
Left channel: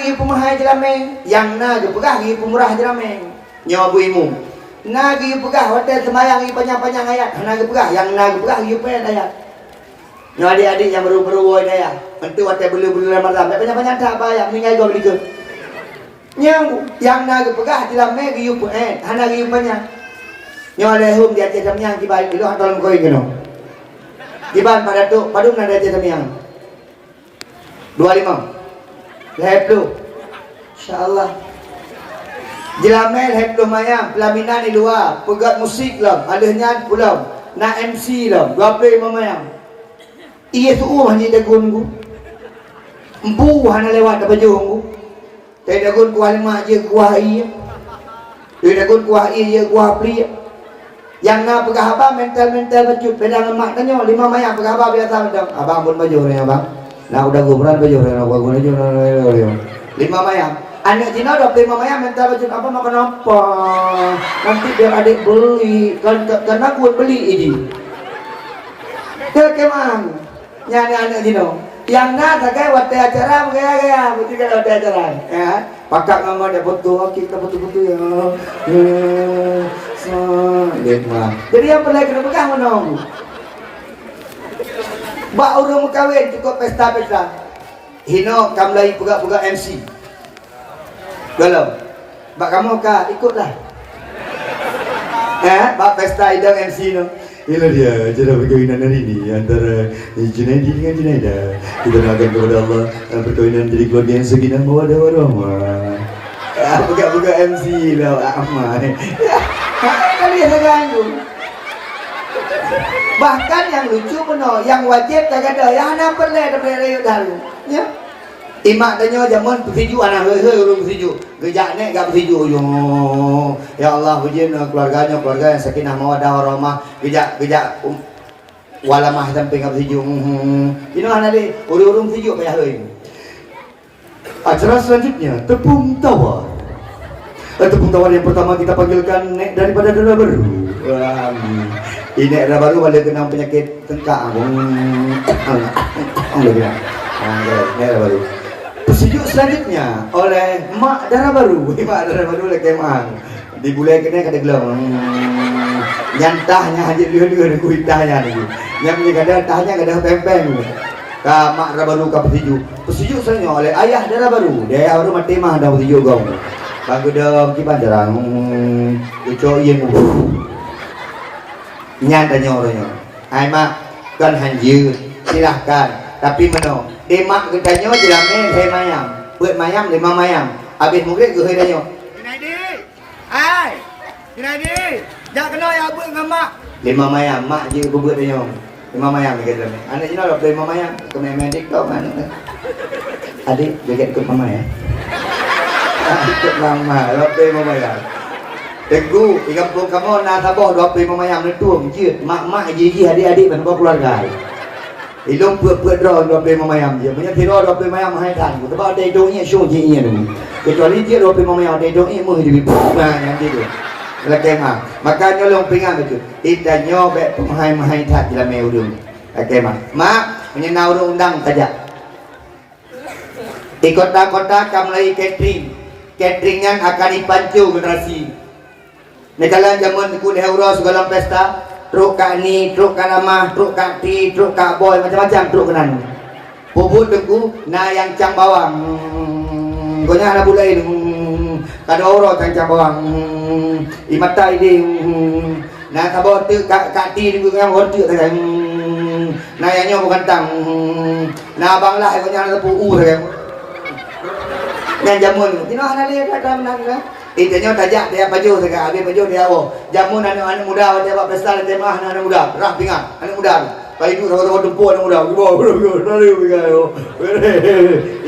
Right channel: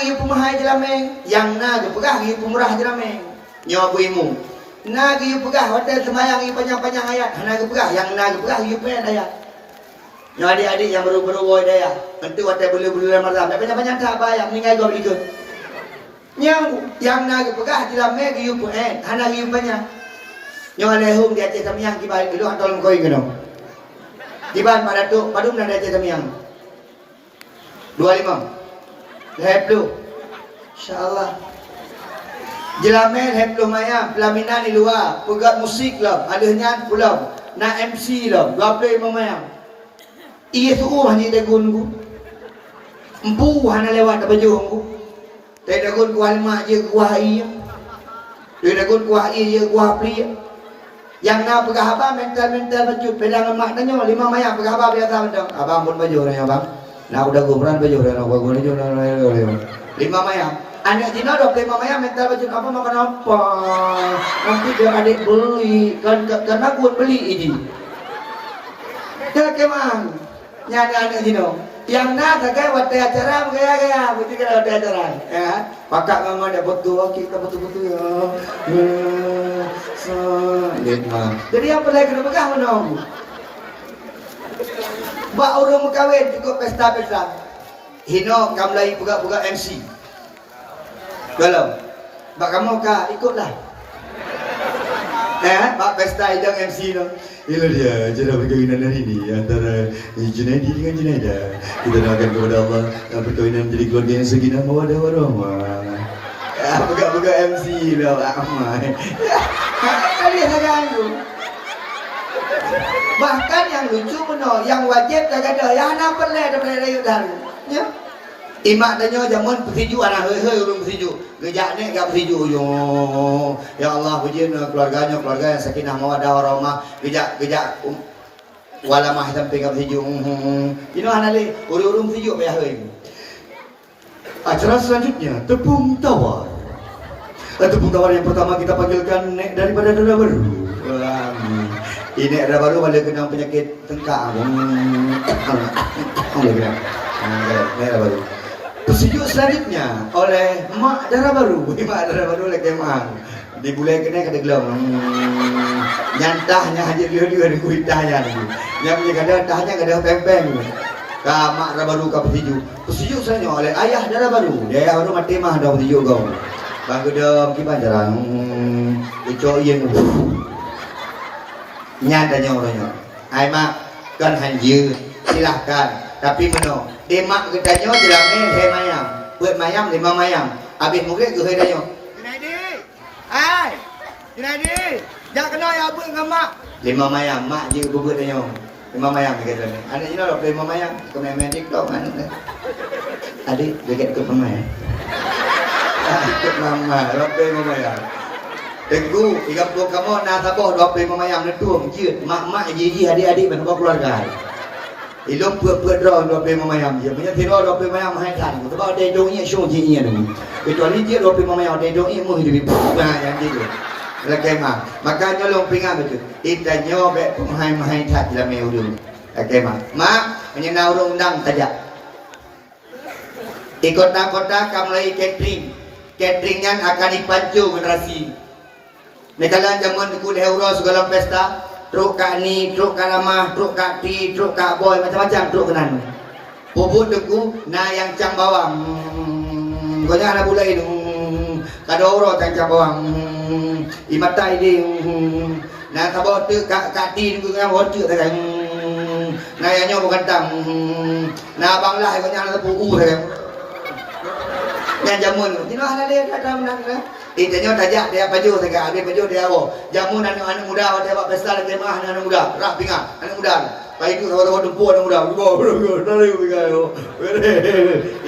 ri pemahai jelameng, yang na je pegah ri pemurah jelameng. Nyawa bu imum. Na ri pegah hotel semayang ri panjang-panjang ayat, hana ri pegah, yang na ri pegah ri pen ayat. Nyawa adik-adik yang baru-baru woi daya. Mentu hotel bulu-bulu Ramadan, banyak-banyak tak bayar meninggal gua beli ke. Yang na pegah jelameng ri pen, hana ri panjang. Nyawa lehum dia cek samyang kibai itu atau koi keno. Kiban pada tu padung nada cek samyang. 25. Lehep tu. Insyaallah. Jelamen lehep tu mayam, pelaminan di luar, pegat musik lah, ada nyan pulau, nak MC lah, 25 mayam. Iya tu hanya dagun ku. Empu hana lewat ke baju ku. Tapi dagun kuah lemak je kuah iya. Dia dagun kuah iya kuah pria. Yang nak pegah abang mental baju pedang emak tanya 5 mayam pegah abang biasa pedang. Abang pun baju ni abang. Nak udah gubran baju ni nak gubran baju 5 mayam. Anak Cina 25 mayam mental baju apa makan apa? Nanti biar adik beli karena buat beli ini. Dia kemang. Nyari anak Cina. Yang nak tak waktu acara gaya betul kalau ada acara ya. Pakak mama ada foto kita betul-betul ya. Jadi yang boleh kena pegang menong. Bak urung kawin cukup pesta-pesta. Hino kamlai pegak-pegak MC. Kalau bak kamu ka ikutlah. Bak pesta idang MC no. Inilah dia cara perkahwinan hari ini antara Junaidi dengan Junaida. Kita doakan kepada Allah perkahwinan jadi keluarga yang sakinah mawaddah warahmah. Pegak-pegak MC lah amai. Kalian terganggu. Bahkan yang lucu benar, yang wajib tak ada, yang hana perlu daripada rayut daru. Ya. Imak tanya zaman persiju anak urung persiju. Gejak ni gak persiju yo. Ya Allah pujian keluarga yang sakinah mawaddah warahmah. Gejak walamah sampai gak persiju. Ini hana le urung persiju payah euy. Acara selanjutnya tepung tawar. Tepung tawar yang pertama kita panggilkan nek daripada Dara Baru. Ini Dara Baru boleh kena penyakit tengkak. Dara Baru. Sejuk selanjutnya oleh Mak Dara Baru. Mak Dara Baru lagi mak. Di bulan kena kata gelam. Nyantahnya aja dia kuitahnya ni. Yang ni kada tahnya kada pempeng. Ka Mak Dara Baru ka sejuk. Sejuk selanjutnya oleh Ayah Dara Baru. Dia baru mati mah dah sejuk kau. Bangku dalam kipan jarang. Ucok yang nyantanya orangnya. Ai mak kan hanjir silahkan. Tapi meno emak ketanya jelamnya saya mayam. Buat mayam 5 mayam. Habis mungkin ke saya. Junaidi. Hai. Junaidi. Jangan kena ya abang dengan mak. 5 mayam, mak je buat tanya. 5 mayam kata ni. Anak Cina dah 5 mayam. Kemain TikTok anak. Adik dekat ikut mama ya. Ikut mama, 5 mayam. Tengku, ikan pun kamu nak tabah 25 mayam ni tuang je. Mak gigi adik-adik dan keluarga. Ilong buat draw 25 mayam je. Punya tiro 25 mayam haitan. Sebab ada hidungnya syung je nya tu. Kecuali dia 25 mayam ada hidungnya mung dia. Nah, yang dia tu. Lagi mah. Makanya long pingan betul. Itanya be mahai-mahai tak dalam meudung. Lagi mah. Mak menyenau undang saja. Di kota-kota kamu lagi catering. Cateringnya akan dipancu generasi. Negara zaman ikut euro segala pesta. Truk kak ni, truk kak lamah, truk kak ti, truk kak boy, macam-macam truk kenan. Puput deku, na yang cang bawang. Gonya ada bulai ni. Kada orang cang bawang. Imata ini. Na kabo tu kak ti ni gonya hortu tak kan. Na yang nyo bukan tang. Na abang lah gonya ada pu tak. Yang jamun, tino ana le ada menang. Itanya tajak dia baju segala habis baju dia oh. Jamun anak muda dia buat pesta dia mah anak muda. Rah pingat anak muda. Pai itu tahu tempo anak muda. Nari pingat.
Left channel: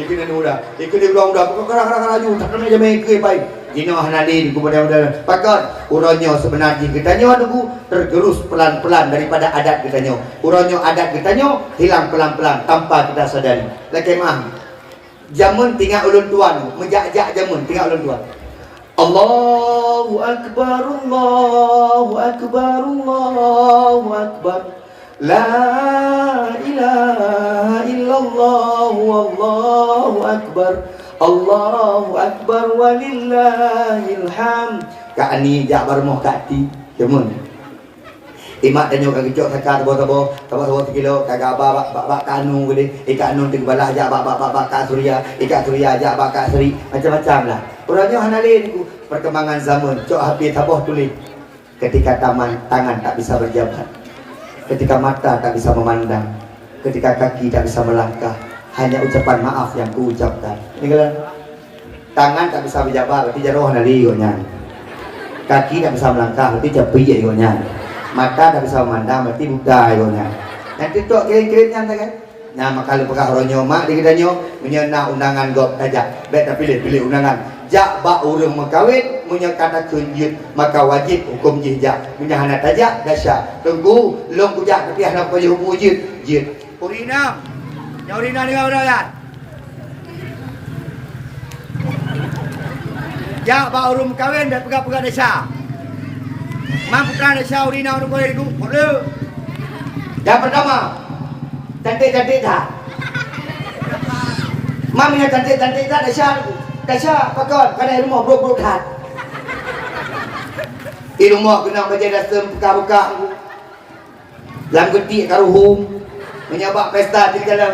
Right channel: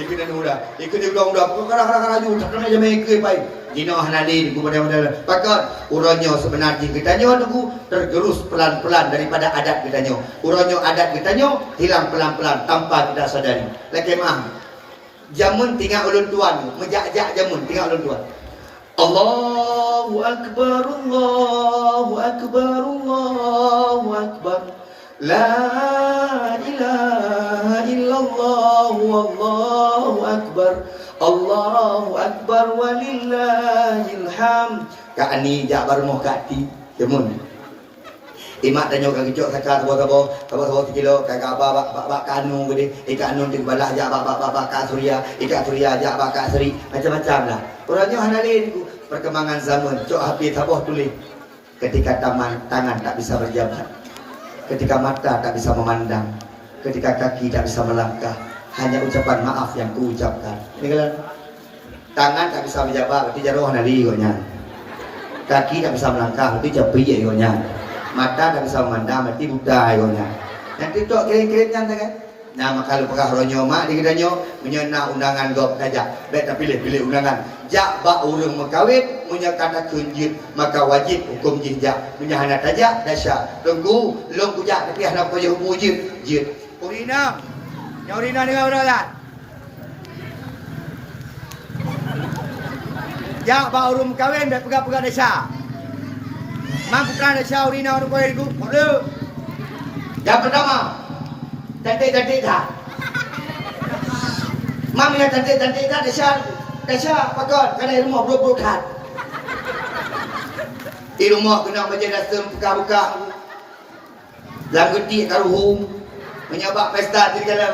Itu anak muda. Ikut dia budak muda. Kadang-kadang laju tak kena jam ke pai. Jino hanali di muda-muda. Pakat uronyo sebenarnya kitanya nunggu tergerus pelan-pelan daripada adat kitanya. Uronyo adat kitanya hilang pelan-pelan tanpa kita sadari. Lagi mah. Jamun tinggal ulun tuan, mejak-jak jamun tinggal ulun tuan. Allahu Akbar, Allahu Akbar, Allahu Akbar. La ilaha illallah, Allahu Akbar. Allahu Akbar walillahil hamd. Kak ni jak barmoh kak ti, temun. Imak tanya kak kicok kakak tabo 3 kilo kakak bak kanu gede ikat nun ting balah jak bak kak surya ikat surya jak bak kak seri macam-macam lah. Orangnya hanalin ku perkembangan zaman cok hati taboh tulis ketika tangan tak bisa berjabat, ketika mata tak bisa memandang, ketika kaki tak bisa melangkah, hanya ucapan maaf yang ku ucapkan. Ini kan tangan tak bisa berjabat berarti jauh hanalin, kaki tak bisa melangkah berarti japi ya. Mata tak bisa memandang berarti buta yonya. Yang titok kirim-kirimnya kan. Nah, maka lu pekah ronyo mak di kidanyo menyenah undangan gop tajak. Bet tak pilih undangan. Jak ba urang mengkawin munya kata kunjut maka wajib hukum jihjak. Munya hana tajak dasar. Tunggu long kujak tapi hana payah hukum jit. Urina. Nya urina ni ora ya. Jak ba urang mengkawin bet pegah-pegah dasar. Mang putra desa urina orang boleh diku. Boleh. Yang pertama, cantik-cantik tak? Mami yang cantik-cantik tak desa pakon kada rumah bro tak. Di rumah kena baca dasar buka-buka. Lam gede karuhum. Menyabak pesta di jalan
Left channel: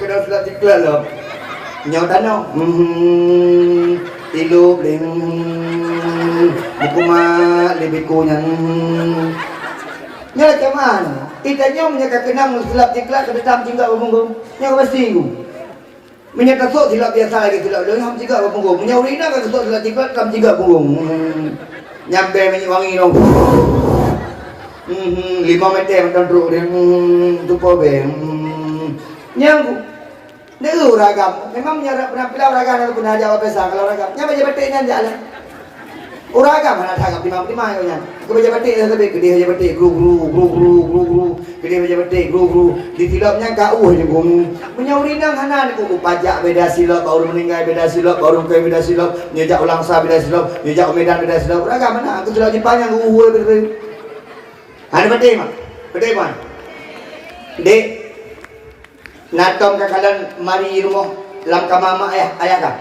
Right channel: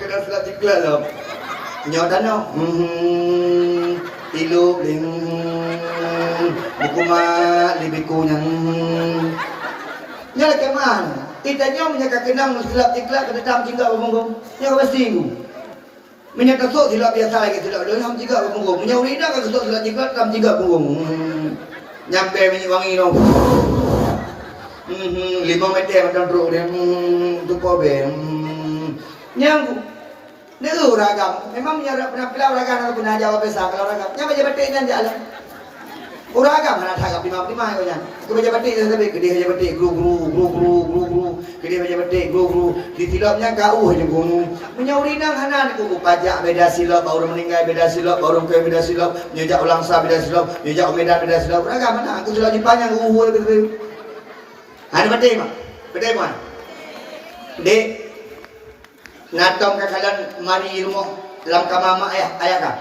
kena sudah tikla lo. Nyau tanah. Ilu bling buku mak lebih kunyan nyala keman tidaknya menyaka kenang silap tiklat ke detam jingga bermunggung nyala pasti ku menyaka sok silap biasa lagi silap doang ham jingga bermunggung menyawrina kan sok silap tiklat kam jingga bermunggung nyampe wangi dong 5 meter macam bro dia tupo ben nyang dia ragam, memang punya penampilan ragam pun ada apa besar kalau ragam. Nya baca batiknya jalan. Ragam ada ragam 55 nya. Aku baca batik tapi gede aja batik gru. Gede baca batik gru. Di silapnya kau aja gum. Menyaurinang hanan ku pajak beda silap baru meninggal beda silap baru ke beda silap nyejak ulang sah beda silap nyejak medan beda silap. Ragam mana aku sudah dipanjang betul. Ada batik mah. Batik mah. Dek Natom kakalan mari rumah lam kamama ayah kan.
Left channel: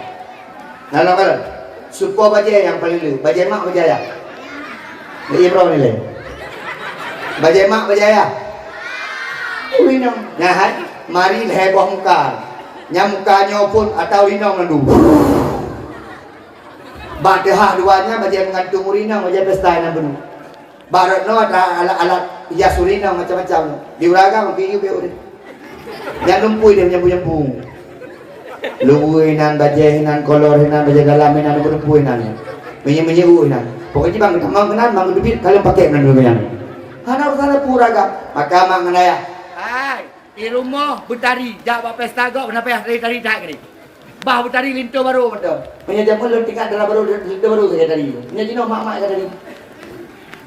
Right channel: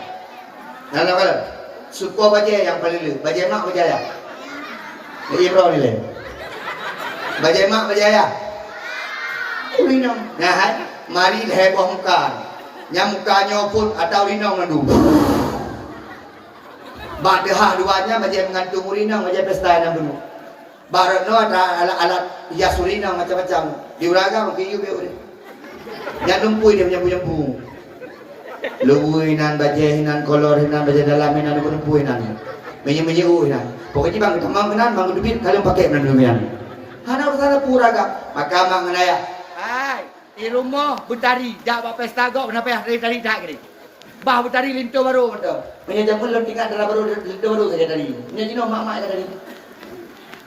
Nalam kalan. Supo baca yang paling lu. Baca mak baca ya. Iya bro ni le. Baca mak baca ya. Wino. Nah, mari heboh muka. Nya mukanya pun atau rinong nandu. Badahah duanya baca mengantung rinong baca pesta nan benu. Baratno ada alat-alat hias rinong macam-macam. Di Uraga mungkin you be. Yang lumpui dia nyampu-nyampu. Luwinan, bajehinan, kolorinan, baje dalaminan, lumpuinan. Menye-menyeruinan. Pokoknya bang kemang kenan, bang dubit kalian pakai nan luminan. Hana urusan puraga. Maka mang menaya. Hai, di rumah betari, dak buat pesta gok kenapa ya tari tak gini. Bah betari linto baru betul. Menye jamu lu tingkat dalam baru linto baru saja tadi. Menye jino mak-mak tadi.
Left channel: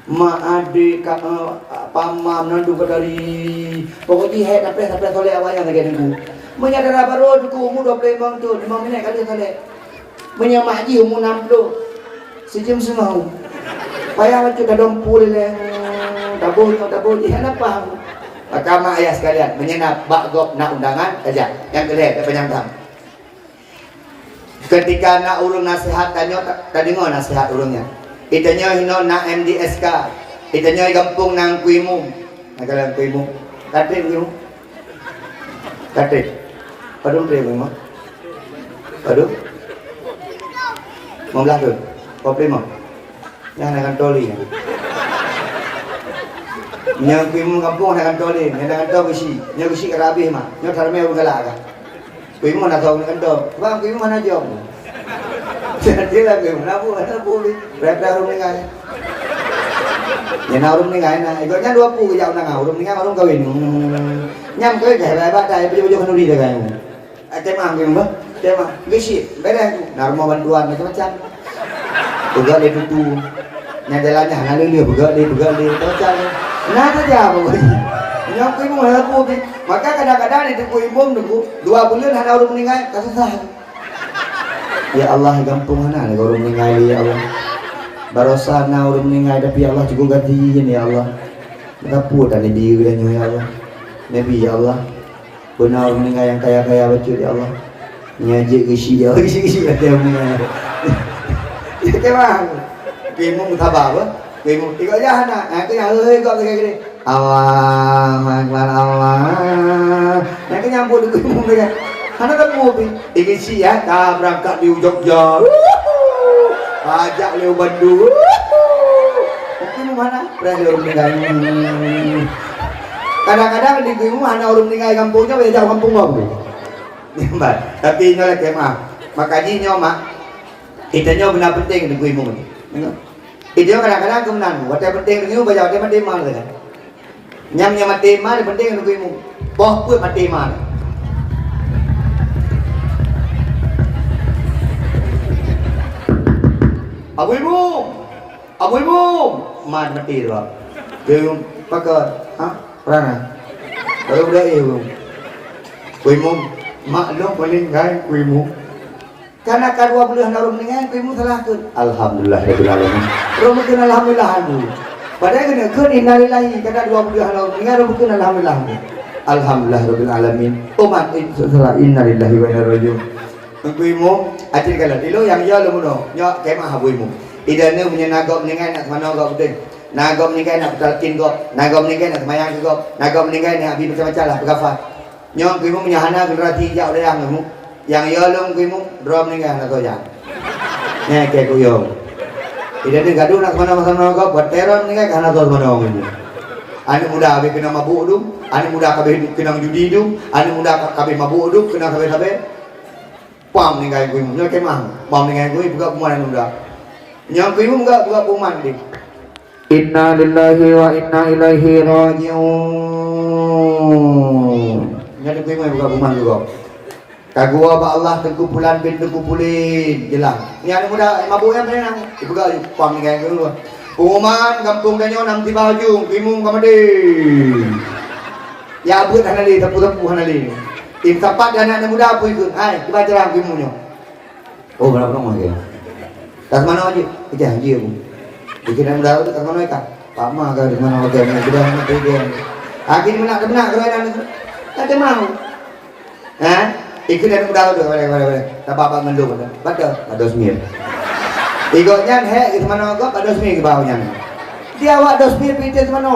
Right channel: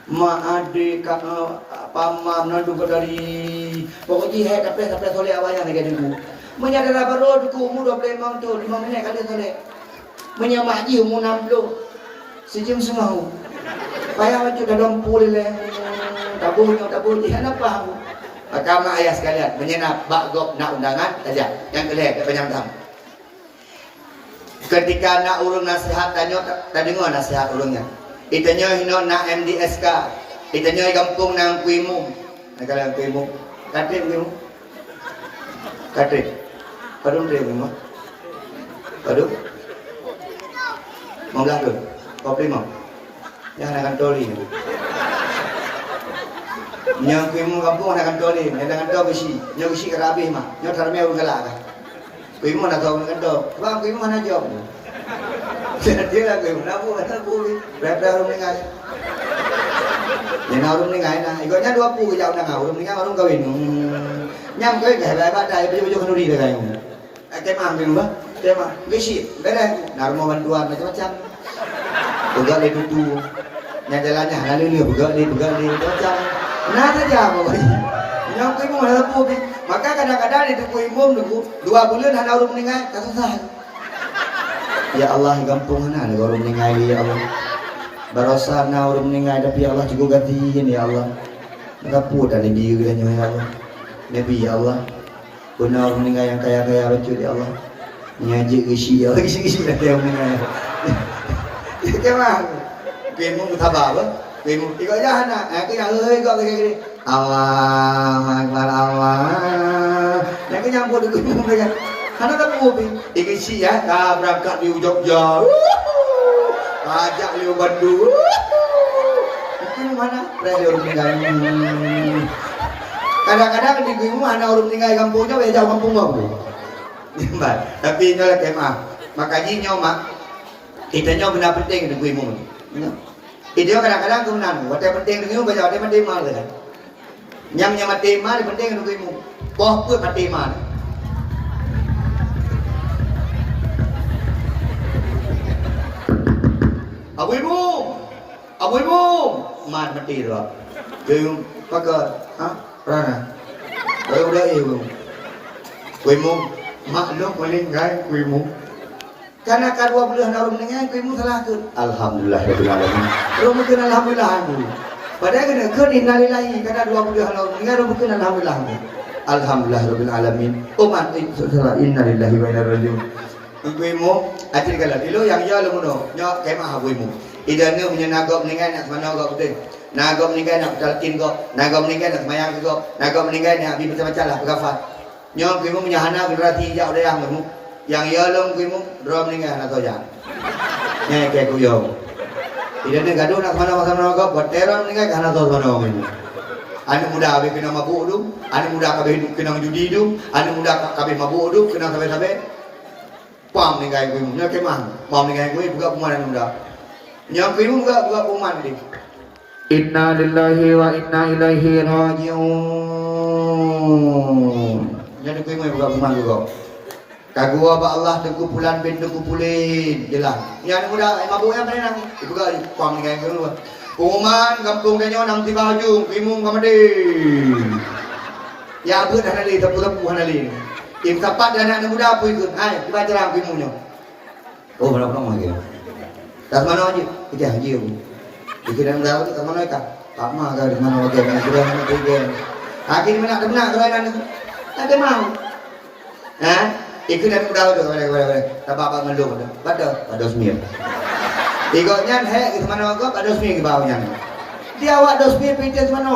Mak adik kamu pamam nandung ke dari pokoknya head sampai soleh awalnya lagi nunggu menyadara baru duku umur 25 tahun 5 minit kali soleh menyamak ji umur 60 Sejam setengah. Payah waktu dah dompul le. Dabur, apa paham. Maka mak ayah sekalian menyenap bakgop nak undangan aja. Yang kelih tak penyambang. Ketika nak urung nasihat tanya tak dengar nasihat urungnya. Itanya hino nak MDSK. Itanya gampung nang kuimu. Nak kalau kuimu. Katrik kuimu. Katrik. Padung tre kuimu. Padung. Mau belah tu. Kau prima. Yang nak toli. Yang kuimu kampung nak toli, nak toli besi. Yang besi kerabih mah. Yang tharme urung galak kan. Kuimu nak tahu nak tol. Bang kuimu mana jawab. Dia lah kuimu nabu boleh. Berada urung nengai. Yang urung nengai na. Ikutnya 20 ke jauh nang urung nengai urung kawin. Nyam kau dah hebat dah. Baju kanu di dah kan. Tema kuimu bah. Tema. Besi. Berang. Nak rumah bantuan macam-macam. Buka le tutu. Yang jalannya hana lele buka le macam. Nah saja pokoknya. Yang kuimu malah pun. Maka kadang-kadang itu kuimu nunggu 2 bulan hana urung nengai kesusahan. Ya Allah gampung mana ni urung nengai ya Allah. Barosana urung nengai tapi Allah juga gantiin ya Allah. Ngapu tadi diri dan ya Allah. Nabi ya Allah. Benar urung nengai yang kaya-kaya betul ya Allah. Ngaji gisi ya. Gisi ada urung nengai. Kemana? Kuimu thabah apa? Kuimu tiga aja hana. Kena kok gini. Allah. Nak nyambut kuimu kan. Karena tak mobil, ingin siap, dah berangkat di Jogja, ajak lewat Bandung, tapi mana? Berada orang tinggal. Kadang-kadang di kuimu hanya orang tinggal kampungnya, belajar kampung apa? Nampak. Tapi nyolah kemah, makanya nyomak, kita nyoba benar penting di kuimu ni. Itu kadang-kadang kemenan, waktu penting di kuimu baca waktu penting mana kan? Nyam mati mana penting di kuimu, boh pun mati mana? Abu ibu, mat mati tu. Dia pakai, pernah. Baru dah ibu. Kuimu, mak lo paling gay kuimu. Karena kedua belah narum dengan kuimu salah tu. Alhamdulillah rabbil alamin. Rumukun alhamdulillah tu. Padahal kena kun innalillahi kada dua belah narum dengan rumukun alhamdulillah. Alhamdulillah rabbil alamin. Umat itu salah innalillahi wa inna ilaihi rajiun. Kuimu, acil kalau dulu yang ya lo muno, nyok kemah kuimu. Idana punya nagam meninggal nak mana kau betul. Nagam meninggal nak bertalkin kau. Nagam meninggal nak semayang kau. Nagam meninggal nak habis macam-macam lah berkafat. Nyong kimu punya hana generasi hijau dia yang kimu. Yang ya lem kimu drum meninggal nak kau jangan. Kayak kuyong. Idana gaduh nak mana kau berteror meninggal karena kau mana kimu. Anu muda habis kena mabuk tu. Anu muda habis kena judi tu. Anu muda habis mabuk tu kena habis. Pam meninggal kimu. Nyong kemah. Pam meninggal kimu buka pemuan muda. Yang kimu buka puman dia. Inna lillahi wa inna ilaihi rajiun. Yang kimu buka puman juga. Kagua ba Allah terkumpulan bin terkumpulin jelang. Yang muda mabuk yang berenang. Buka pam dengan kimu. Puman kampung danyo nam ti baju kimu kamade. Ya abut hanali tepu-tepu hanali. Im tepat anak muda apa ikut. Hai, kita jarang kimu nyo. Oh, berapa lama dia? Kat mana aja? Kita haji aku. Bikin dah kat mana ka? Pak mah ka di mana lagi nak sudah nak pergi. Akhir benak kerana itu. Tak ada mau. Ikut dan dah tu boleh. Tak apa mendung. Betul. Ada semir. Ikutnya he ke mana kau? Ada semir ke bawahnya. Dia awak ada semir pergi ke mana?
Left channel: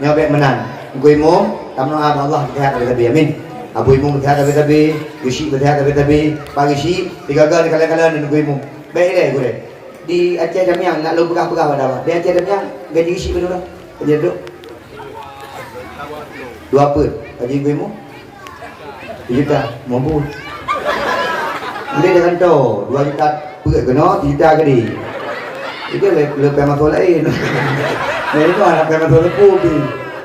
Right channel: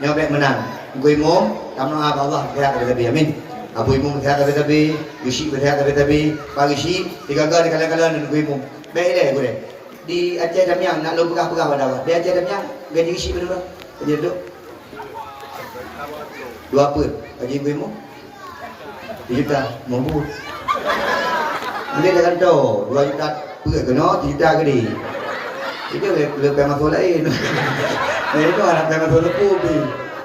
Nyobek menang. Kuimu, tamu Allah lihat lebih amin. Abu ibu berhati tapi, Yushi berhati tapi, pagi si, tiga kali kala-kala ni ibu. Baik deh, di Aceh Damiang nak lu pegah-pegah pada awak. Di Aceh Damiang gaji Yushi berapa? Kerja tu 2 apa? Gaji ibu 2 juta, mampu. Dia jangan tahu 2 juta perut kena 3 juta ke dia. Itu lebih masuk lain. Mereka anak masuk lepuh ni.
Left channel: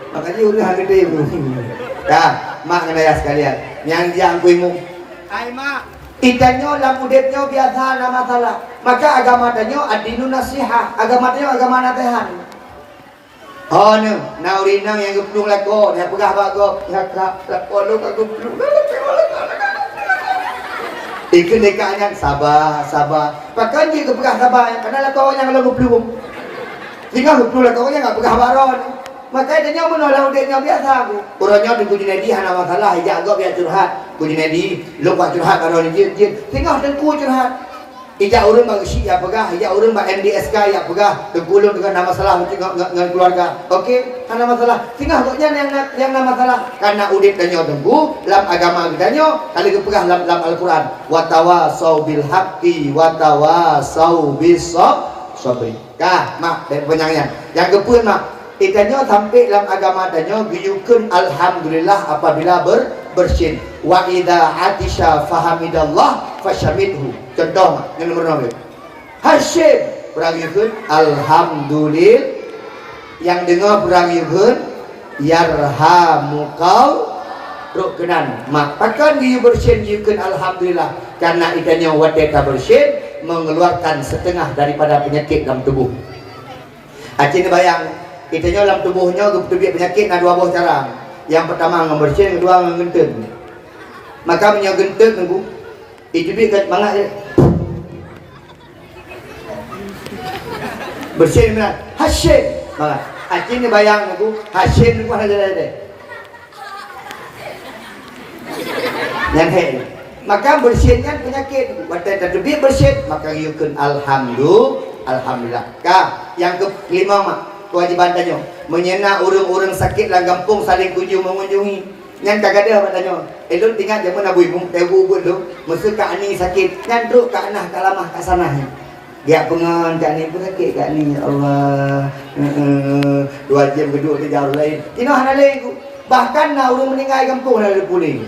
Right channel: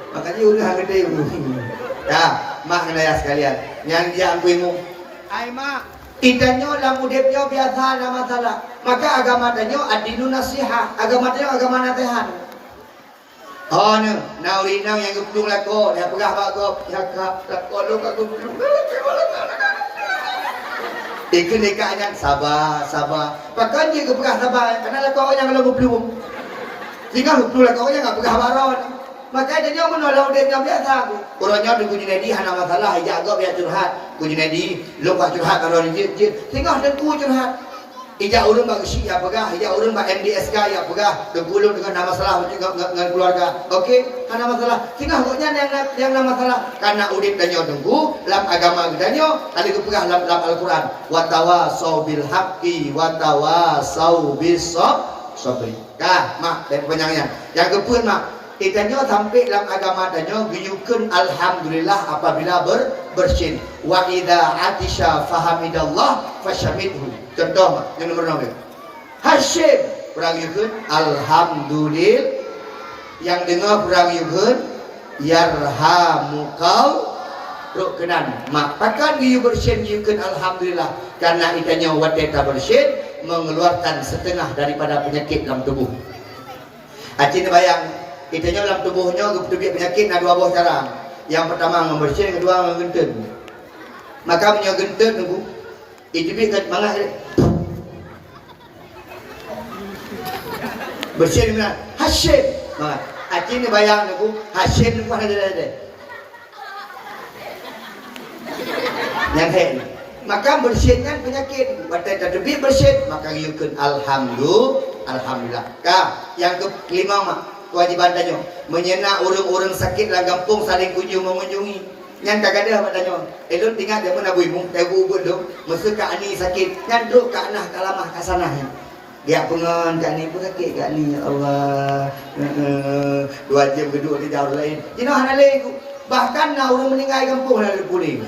Makanya udah harga dia. Dah. Mak kena ya sekalian. Yang dia kuimu. Ai mak. Itanyo lam udepnyo biasa na masalah. Maka agama tanyo adinu nasihat. Agama tanyo agama nasihat. Oh ni, naurina yang keputung lako, dia pegah bago, ya kak, lako lu aku. Ikut dekatnya sabar. Pakai je ke pegah sabar. Karena kau yang kalau berpeluh. Jika berpeluh kau yang enggak pegah baron. Maka dia menolak dia biasa. Orangnya di kuji nadi hana masalah hijak agak biar curhat. Kuji nadi lupa curhat kalau dia. Tengah dengku curhat. Ijak orang bagi Syiah pegah, ijak orang bagi MDSK ya pegah, dengkulung dengan nama masalah dengan keluarga. Okey, karena masalah. Tinggal koknya yang nama masalah. Karena udip danyo dengku, dalam agama danyo, kali ke pegah dalam Al-Quran. Wa tawasau bil haqqi wa tawasau bis sabr. Kah, mak dan penyangnya. Yang kepuan mak, itanyo sampai dalam agama danyo guyukun alhamdulillah apabila bersin. Wa idza atisha fahamidallah fashamidhu. Contoh yang nomor 2. Hashim berangiyun alhamdulillah. Yang dengar berangiyun yarhamukal rukenan. Makakan dia bersin yukun alhamdulillah karena ikannya wadeta bersin mengeluarkan setengah daripada penyakit dalam tubuh. Acin bayang ikannya dalam tubuhnya penyakit ada 2 buah cara. Yang pertama membersin, yang kedua menggenten. Maka punya genteng ibu itu dia kat mangat dia bersin mana Hashim mangat acing ni bayang ibu Hashim ni pun ada yang head maka bersinkan penyakit badan terdebit bersin maka yukun alhamdulillah kah yang kelima mak kewajiban tanya menyenak orang-orang sakit lah kampung saling mengunjungi yang tak ada katanya elok tinggal dia pun abui pun tebu tu masa kak ni sakit yang duduk kak nah tak lama kat sana dia pengen kak ni pun sakit kak ni Allah 2 jam duduk di jauh lain kena hana lagi bahkan nak orang meninggal kampung ada puling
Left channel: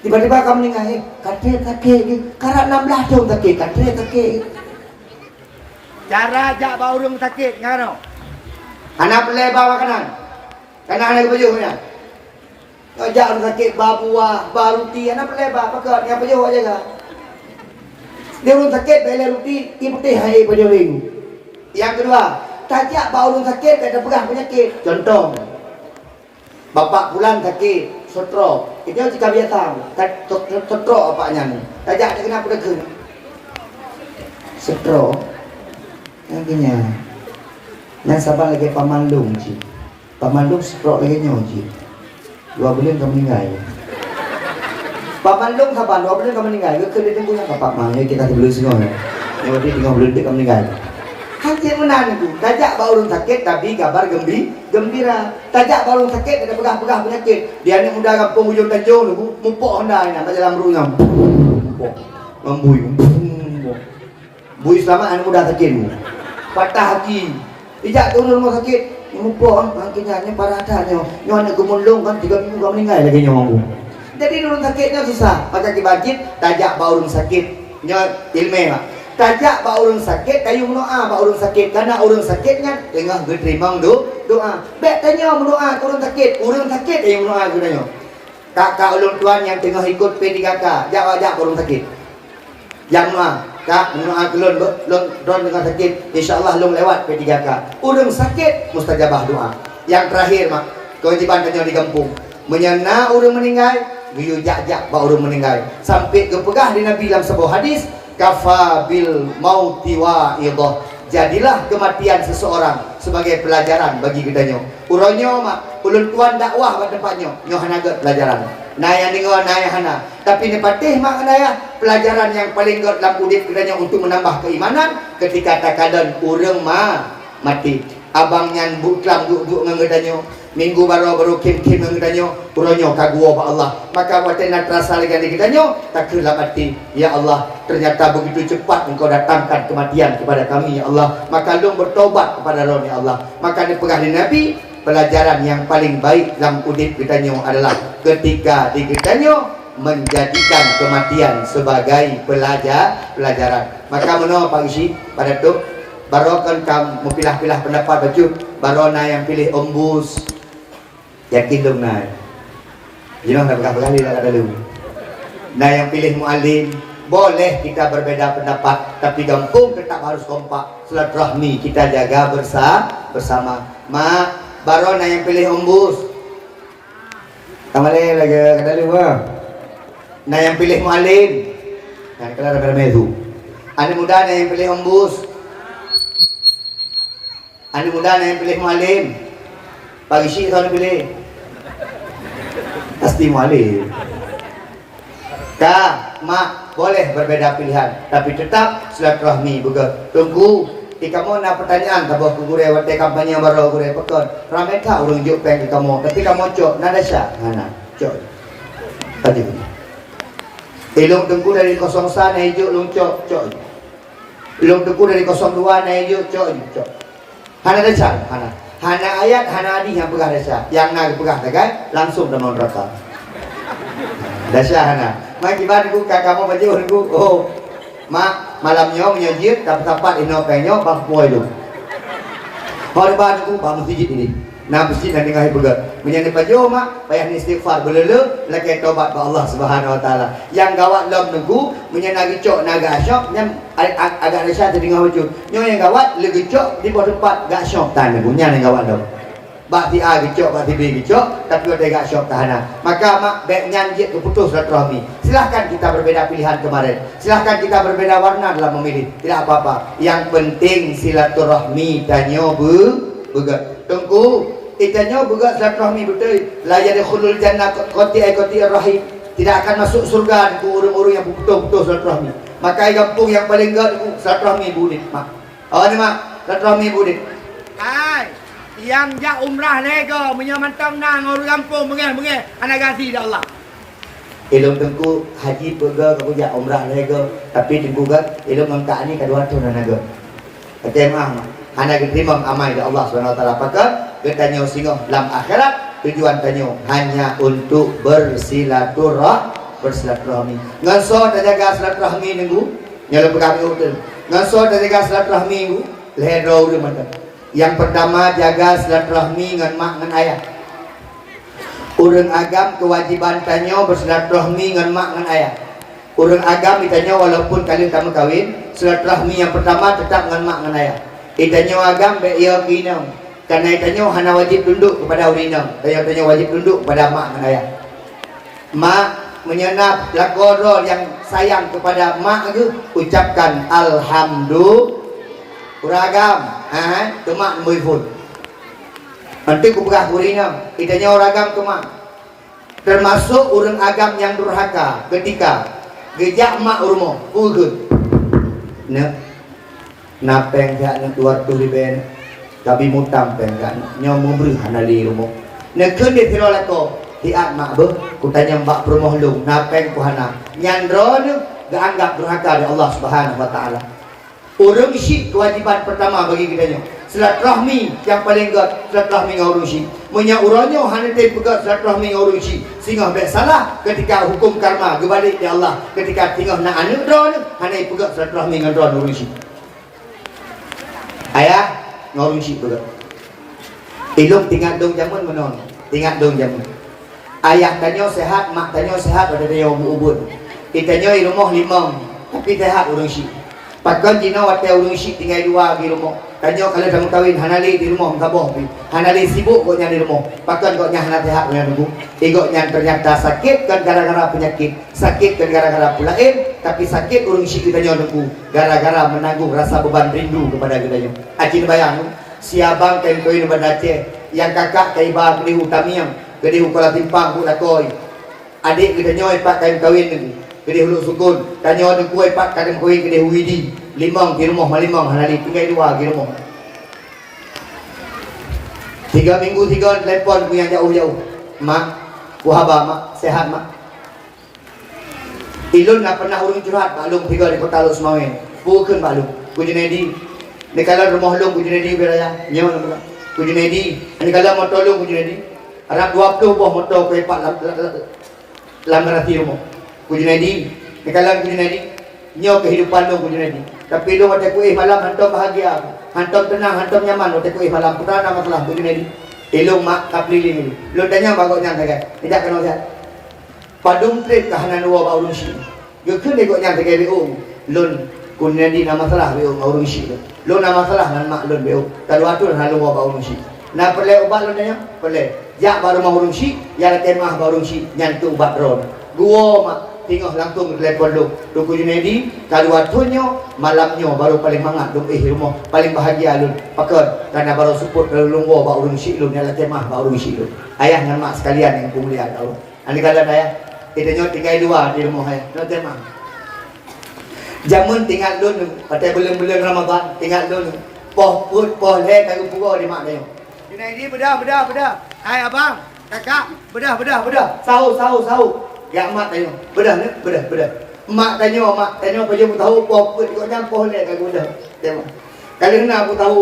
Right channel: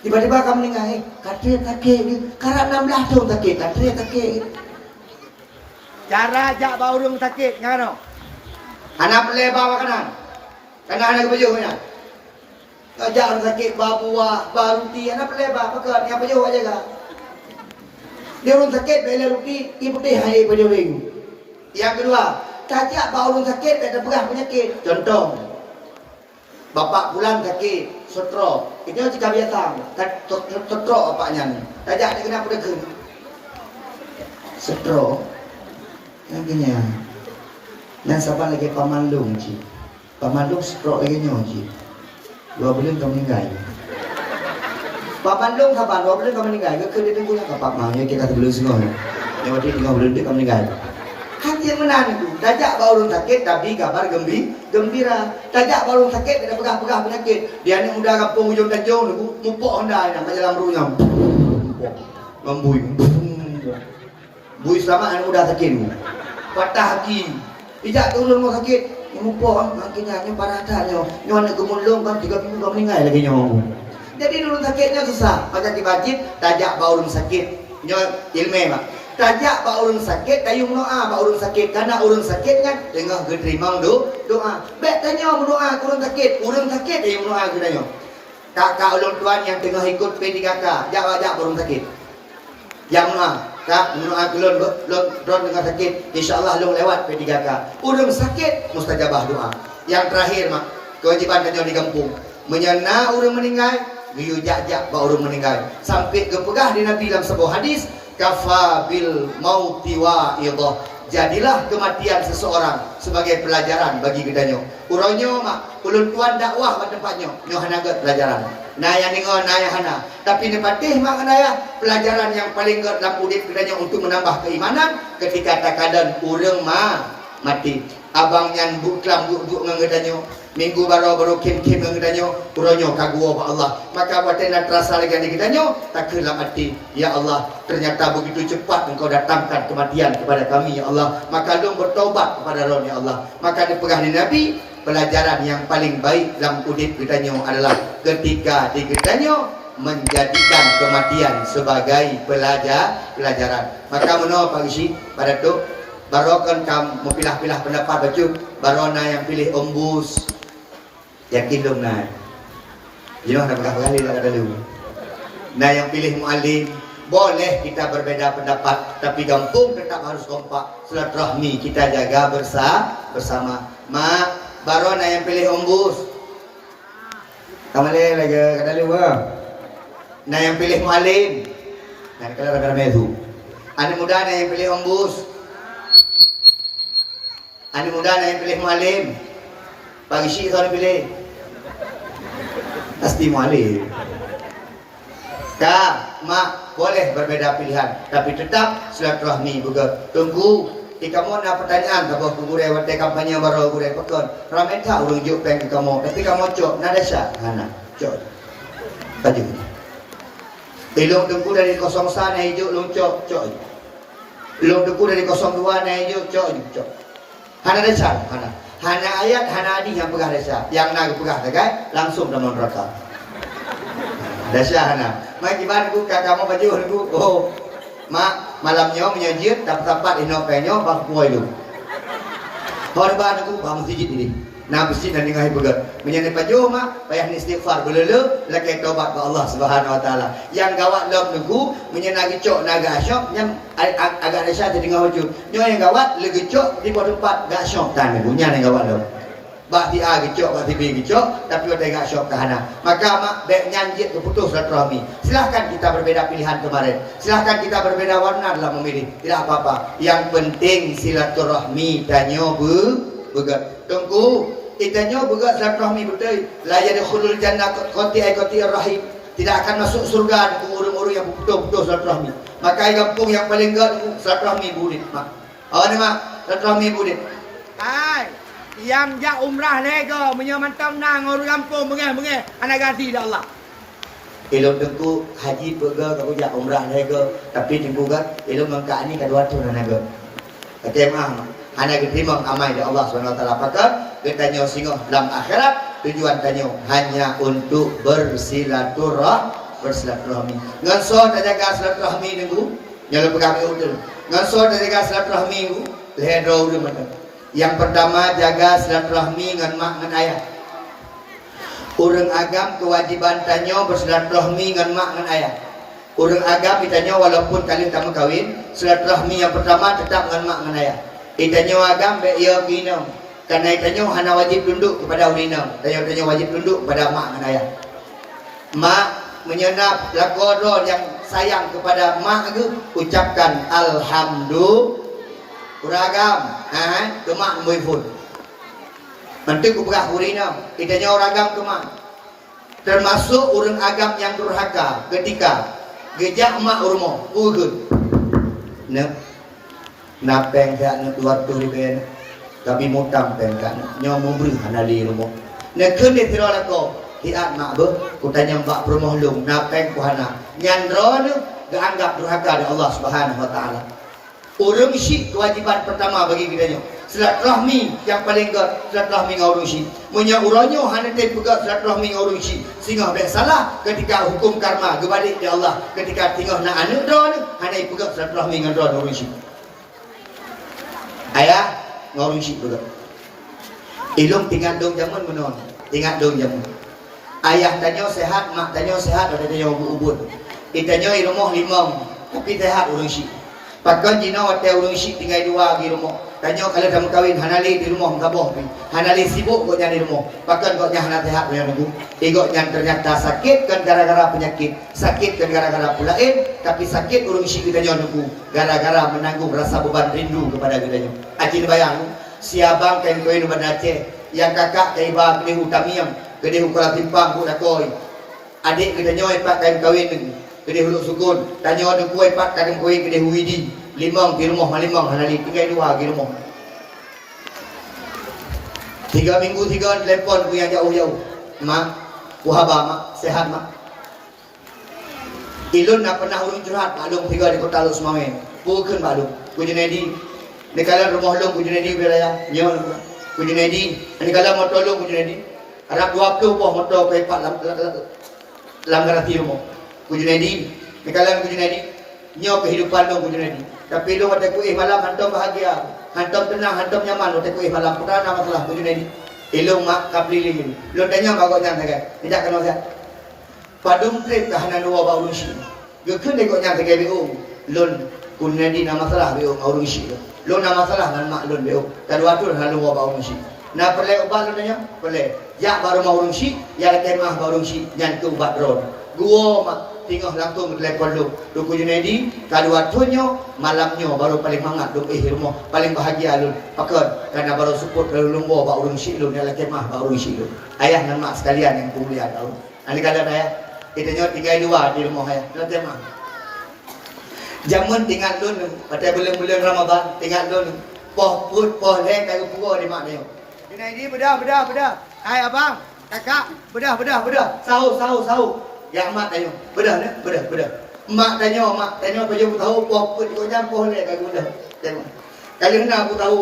tiba-tiba kamu meninggal katanya sakit karat 16 tahun sakit katanya sakit cara ajak bawa orang sakit ngano anak pelebar makanan kena anak baju punya ajak orang sakit babuah, baruti, anak pelebar, pakai yang pejuh aja kan. Dia orang sakit, bela ruti, ibu putih hai pejuh ring. Yang kedua, tajak bawa orang sakit, ada pegah penyakit. Contoh, bapak pulang sakit, stroke. Itu jika biasa, stroke apanya ni. Tajak dia kenapa dia kena? Stroke. Yang kena. Yang sabar lagi pamandung je. Pamandung stroke lagi nyawa je. 2 bulan kau meninggal. Pak Bandung sabar 2 bulan kau meninggal. Ke dia tunggu yang bapak mau ya kita sebelum semua. Yang waktu 3 bulan dia kau meninggal. Hati menan itu. Tajak bawa orang sakit tapi kabar gembira. Tajak bawa orang sakit ada pegah-pegah penyakit. Dia ni muda kampung hujung Tanjung ni mupok Honda ni macam dalam runya. Membui. Bui sama anak muda sakit. Patah hati. Ijak turun rumah sakit. Mupok makinnya ni para adanya nyawa nak gemulung kan 3 minggu kau meninggal lagi nyawa. Jadi orang sakitnya susah. Macam dibajit tajak bawa orang sakit. Nya ilmu mak. Tajak bawa orang sakit kayu doa bawa orang sakit karena orang sakitnya tengah diterima doa. Baik tanya berdoa ke orang sakit yang berdoa gunanya. Kakak ulun tuan yang tengah ikut P3K, jawab orang sakit. Yang doa kak mendoa kelon dengan sakit insyaallah long lewat P3K urang sakit mustajabah doa. Yang terakhir mak kewajiban kanya di kampung menyena urang meninggal giyu jak-jak ba urang meninggal sampai kepegah di Nabi dalam sebuah hadis kafa bil mauti wa idah jadilah kematian seseorang sebagai pelajaran bagi kedanyo urangnya mak ulun tuan dakwah pada tempatnya nyoh hanagat pelajaran naya dengar naya hana tapi ni patih mak naya pelajaran yang paling got dalam udip kedanya untuk menambah keimanan ketika takadan urang mati abang yang buklam duk ngedanyo minggu baru kim ngedanyo uronyo kagua ba Allah maka watena terasa lagi di kedanyo taklah mati ya Allah ternyata begitu cepat engkau datangkan kematian kepada kami ya Allah maka dong bertobat kepada roh ya Allah maka dipegah di Nabi pelajaran yang paling baik dalam udip kedanyo adalah ketika di kedanyo menjadikan kematian sebagai pelajaran maka menurut Pak Isi pada tu baru kan kamu pilah-pilah pendapat baju baru yang pilih ombus yakin dong nak nak berapa kali nak ada lu yang pilih mualim boleh kita berbeza pendapat tapi kampung tetap harus kompak silaturahmi kita jaga bersama mak baru yang pilih ombus kamale lagi ada lu yang pilih mualim Nah, kalau ada medu. Anak muda yang pilih ombus. Anak muda yang pilih mualim. Pagi sih kalau pilih. Pasti mualim. Kak, mak, boleh berbeda pilihan, tapi tetap silaturahmi juga. Tunggu, jika mau nak pertanyaan, kalau gure waktu kampanye baru gure pekon, ramai tak urung juk peng kamu, tapi kamu cok, nada sah, mana, cok, tadi. Ilung tunggu dari 01 naik juk, lung cok, cok. Ilung tunggu dari 02 naik juk, cok. Hana dasar, hana ayat, hana hadis yang pegah dasar, yang nak pegah dekat, langsung dalam neraka. Dasar hana. Mak gimana ku kakak mau baju ku? Oh, mak malamnya menyajit dapat ino penyo bang boy lu. Horban ku bang masjid ini. Nah masjid nanti ngai begat. Menyani baju mak payah istighfar belele lagi tobat ke Allah Subhanahu Wa Taala. Yang gawat lom nunggu menyenagi cok naga asyok nyam agak resah jadi ngawaju. Nyo yang gawat lagi cok di bawah tempat gak asyok tan nunggu yang gawat lom. Bakti A gecok, bakti B gecok, tapi udah gak syok tahana. Maka mak dek nyanjit keputus silaturahmi. Silahkan kita berbeda pilihan kemarin. Silahkan kita berbeda warna dalam memilih. Tidak apa-apa. Yang penting silaturahmi tanyo begat. Tunggu, itanyo begat silaturahmi betul. La yadkhulul jannah qati rahim. Tidak akan masuk surga ku urung-urung yang betul-betul silaturahmi. Maka kampung yang paling gak silaturahmi budit mak. Oh ni mak, silaturahmi budit. Hai, yang jak umrah lega menyamantang nang orang kampung mengeh anak ganti dah Allah. Ilmu tengku haji pega kau jak umrah lega tapi tengku kan ilmu mangka ni kedua tu naga. Ketemah anak diterima amai dah Allah Subhanahu Wa Taala pakar ketanya singo dalam akhirat tujuan tanyo hanya untuk bersilaturahmi. Ngaso jaga silaturahmi nunggu nyala pegang betul. Ngaso jaga silaturahmi nunggu leher ro mana. Yang pertama jaga silaturahmi dengan mak dengan ayah. Urang agam kewajiban tanyo bersilaturahmi dengan mak dengan ayah. Urang agam ditanya walaupun kalian kamu kawin, silaturahmi yang pertama tetap dengan mak dengan ayah. Ditanya agam be ia kinau. Karena ditanya hana wajib tunduk kepada urinau. Tanya wajib tunduk kepada mak dengan ayah. Mak menyenap lakodro yang sayang kepada mak itu ucapkan alhamdulillah. Uragam, kemak muifun. Nanti ku pegah kurina, itanya uragam kemak. Termasuk urang agam yang durhaka ketika gejak mak urmo, ugun. Napeng gak nak tuar tu riben, tapi mutang peng gak nyomu beri hanali rumo. Nekun dia tirolako, hiat mak ber, ku tanya mbak perumoh lung, napeng ku hana. Nyandro gak anggap durhaka dari Allah Subhanahu Wa Taala. Urung syik kewajiban pertama bagi kita nyo. Silaturahmi yang paling gak silaturahmi ngau urung syik. Munya uronyo hanya te pegat silaturahmi ngau urung syik. Singah dak salah ketika hukum karma gebalik di Allah. Ketika tinggal nak anu dron hanya pegat silaturahmi ngau dron urung syik. Ayah ngau urung syik pegat. Ilung tinggal dong jamun menon. Tinggal dong jamun. Ayah tanyo sehat, mak tanyo sehat ada dia ubun-ubun. Itanyo ilmuh limong tapi sehat urung syik. Pakkan jina wate ulung syik tinggal dua di rumah. Tanya kalau kamu kawin hanali di rumah mengkaboh. Hanali sibuk kok di rumah. Pakkan kok hana sehat punya nunggu. Ego yang ternyata sakit kan gara-gara penyakit. Sakit kan gara-gara pulain. Tapi sakit ulung syik kita nunggu. Gara-gara menanggung rasa beban rindu kepada kita. Acin bayang. Siabang kain koi nuban Aceh. Yang kakak kai bah kedi utamiam. Kedi ukala timpang ku lakoi. Adik kita nyoy pak kain kawin nunggu. Kedai huluk sukun, tanya orang kuih pak kadang kuih kedai huidi, limang di rumah malimang hanali tinggal dua di rumah. 3 minggu 3 telepon punya jauh-jauh, mak, wahaba mak, sehat mak. Ilun nak pernah urung curhat, maklum 3 di kota Luk Semawen, bukan maklum, kujunedi, nekala rumah lung kujunedi beraya, nyawa kujunedi, nekala motor lung kujunedi, Arab 20 buah motor kuih pak lambarati rumah. Kujunedi, nekalan kujunedi, nyo kehidupan lo kujunedi. Tapi lo mata kuih malam hantam bahagia, hantam tenang, hantam nyaman. Mata kuih malam putra nama masalah kujunedi. Elong mak kapliling ini. Lo tanya bagoknya saja, tidak kena saja. Padung trip kahanan dua bau rusi. Gekun dekoknya saja biung. Lo kujunedi nama masalah biung bau rusi lo. Lo nama masalah dengan mak lo biung. Tadu atur halu bau rusi. Nah perle ubat lo tanya, perle. Jak baru mau rusi, ya temah baru rusi, nyantu ubat ron. Gua mak tinggal langsung telefon lu. Duku Junaidi, kalau waktunya, malamnya baru paling mangat. Duk rumah, paling bahagia lu. Pakar, karena baru support kalau lu bawa urun syik lu, nyala temah bawa urun syik lu. Ayah dan mak sekalian yang mulia tahu. Anda kalian ayah, kita nyo tinggal dua di rumah ayah. Nyala temah. Jamun tinggal lu, pada bulan-bulan Ramadan, tinggal lu. Poh put, poh lek, kalau pura di mak dia. Junaidi, bedah. Hai abang, kakak, bedah. Sahur. Ya mak tanya, bedah. Mak tanya apa je aku tahu poh put ikutnya poh lek aku bedah. Tengok. Kali ni aku tahu,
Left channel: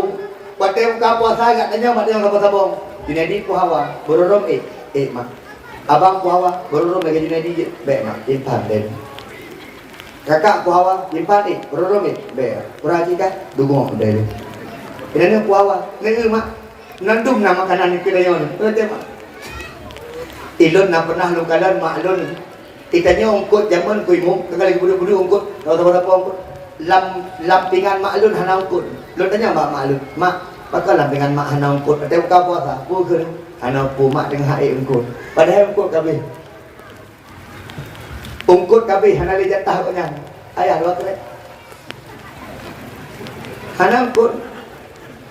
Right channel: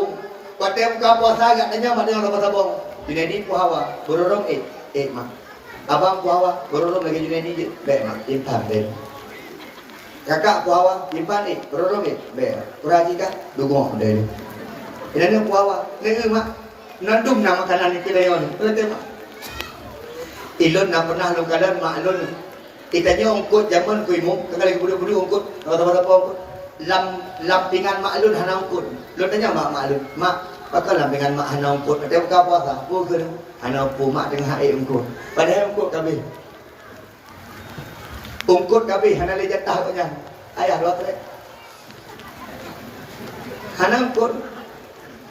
pada buka puasa agak tanya mak dia apa sabong. Junaidi poh hawa, berorong mak. Abang poh hawa, berorong lagi Junaidi je. Baik mak, impan deh. Kakak poh hawa, impan berorong baik. Kuraji kan, dugong deh. Ini poh hawa, ni mak. Nandum nama makanan kita yang ni. Tengok. Ilun nak pernah lu kadan mak ilun. Kitanya ongkot zaman ku imum, tengah budu ongkot, apa ongkot. Lampingan mak ilun hana ongkot. Lu tanya mak ilun, mak, pakal lampingan mak hana ongkot. Ada buka puasa, pu ke hana pu mak tengah air ongkot. Padahal ongkot kabeh. Ongkot kabeh hana li jatah tengah. Ayah lu kata. Hana ongkot.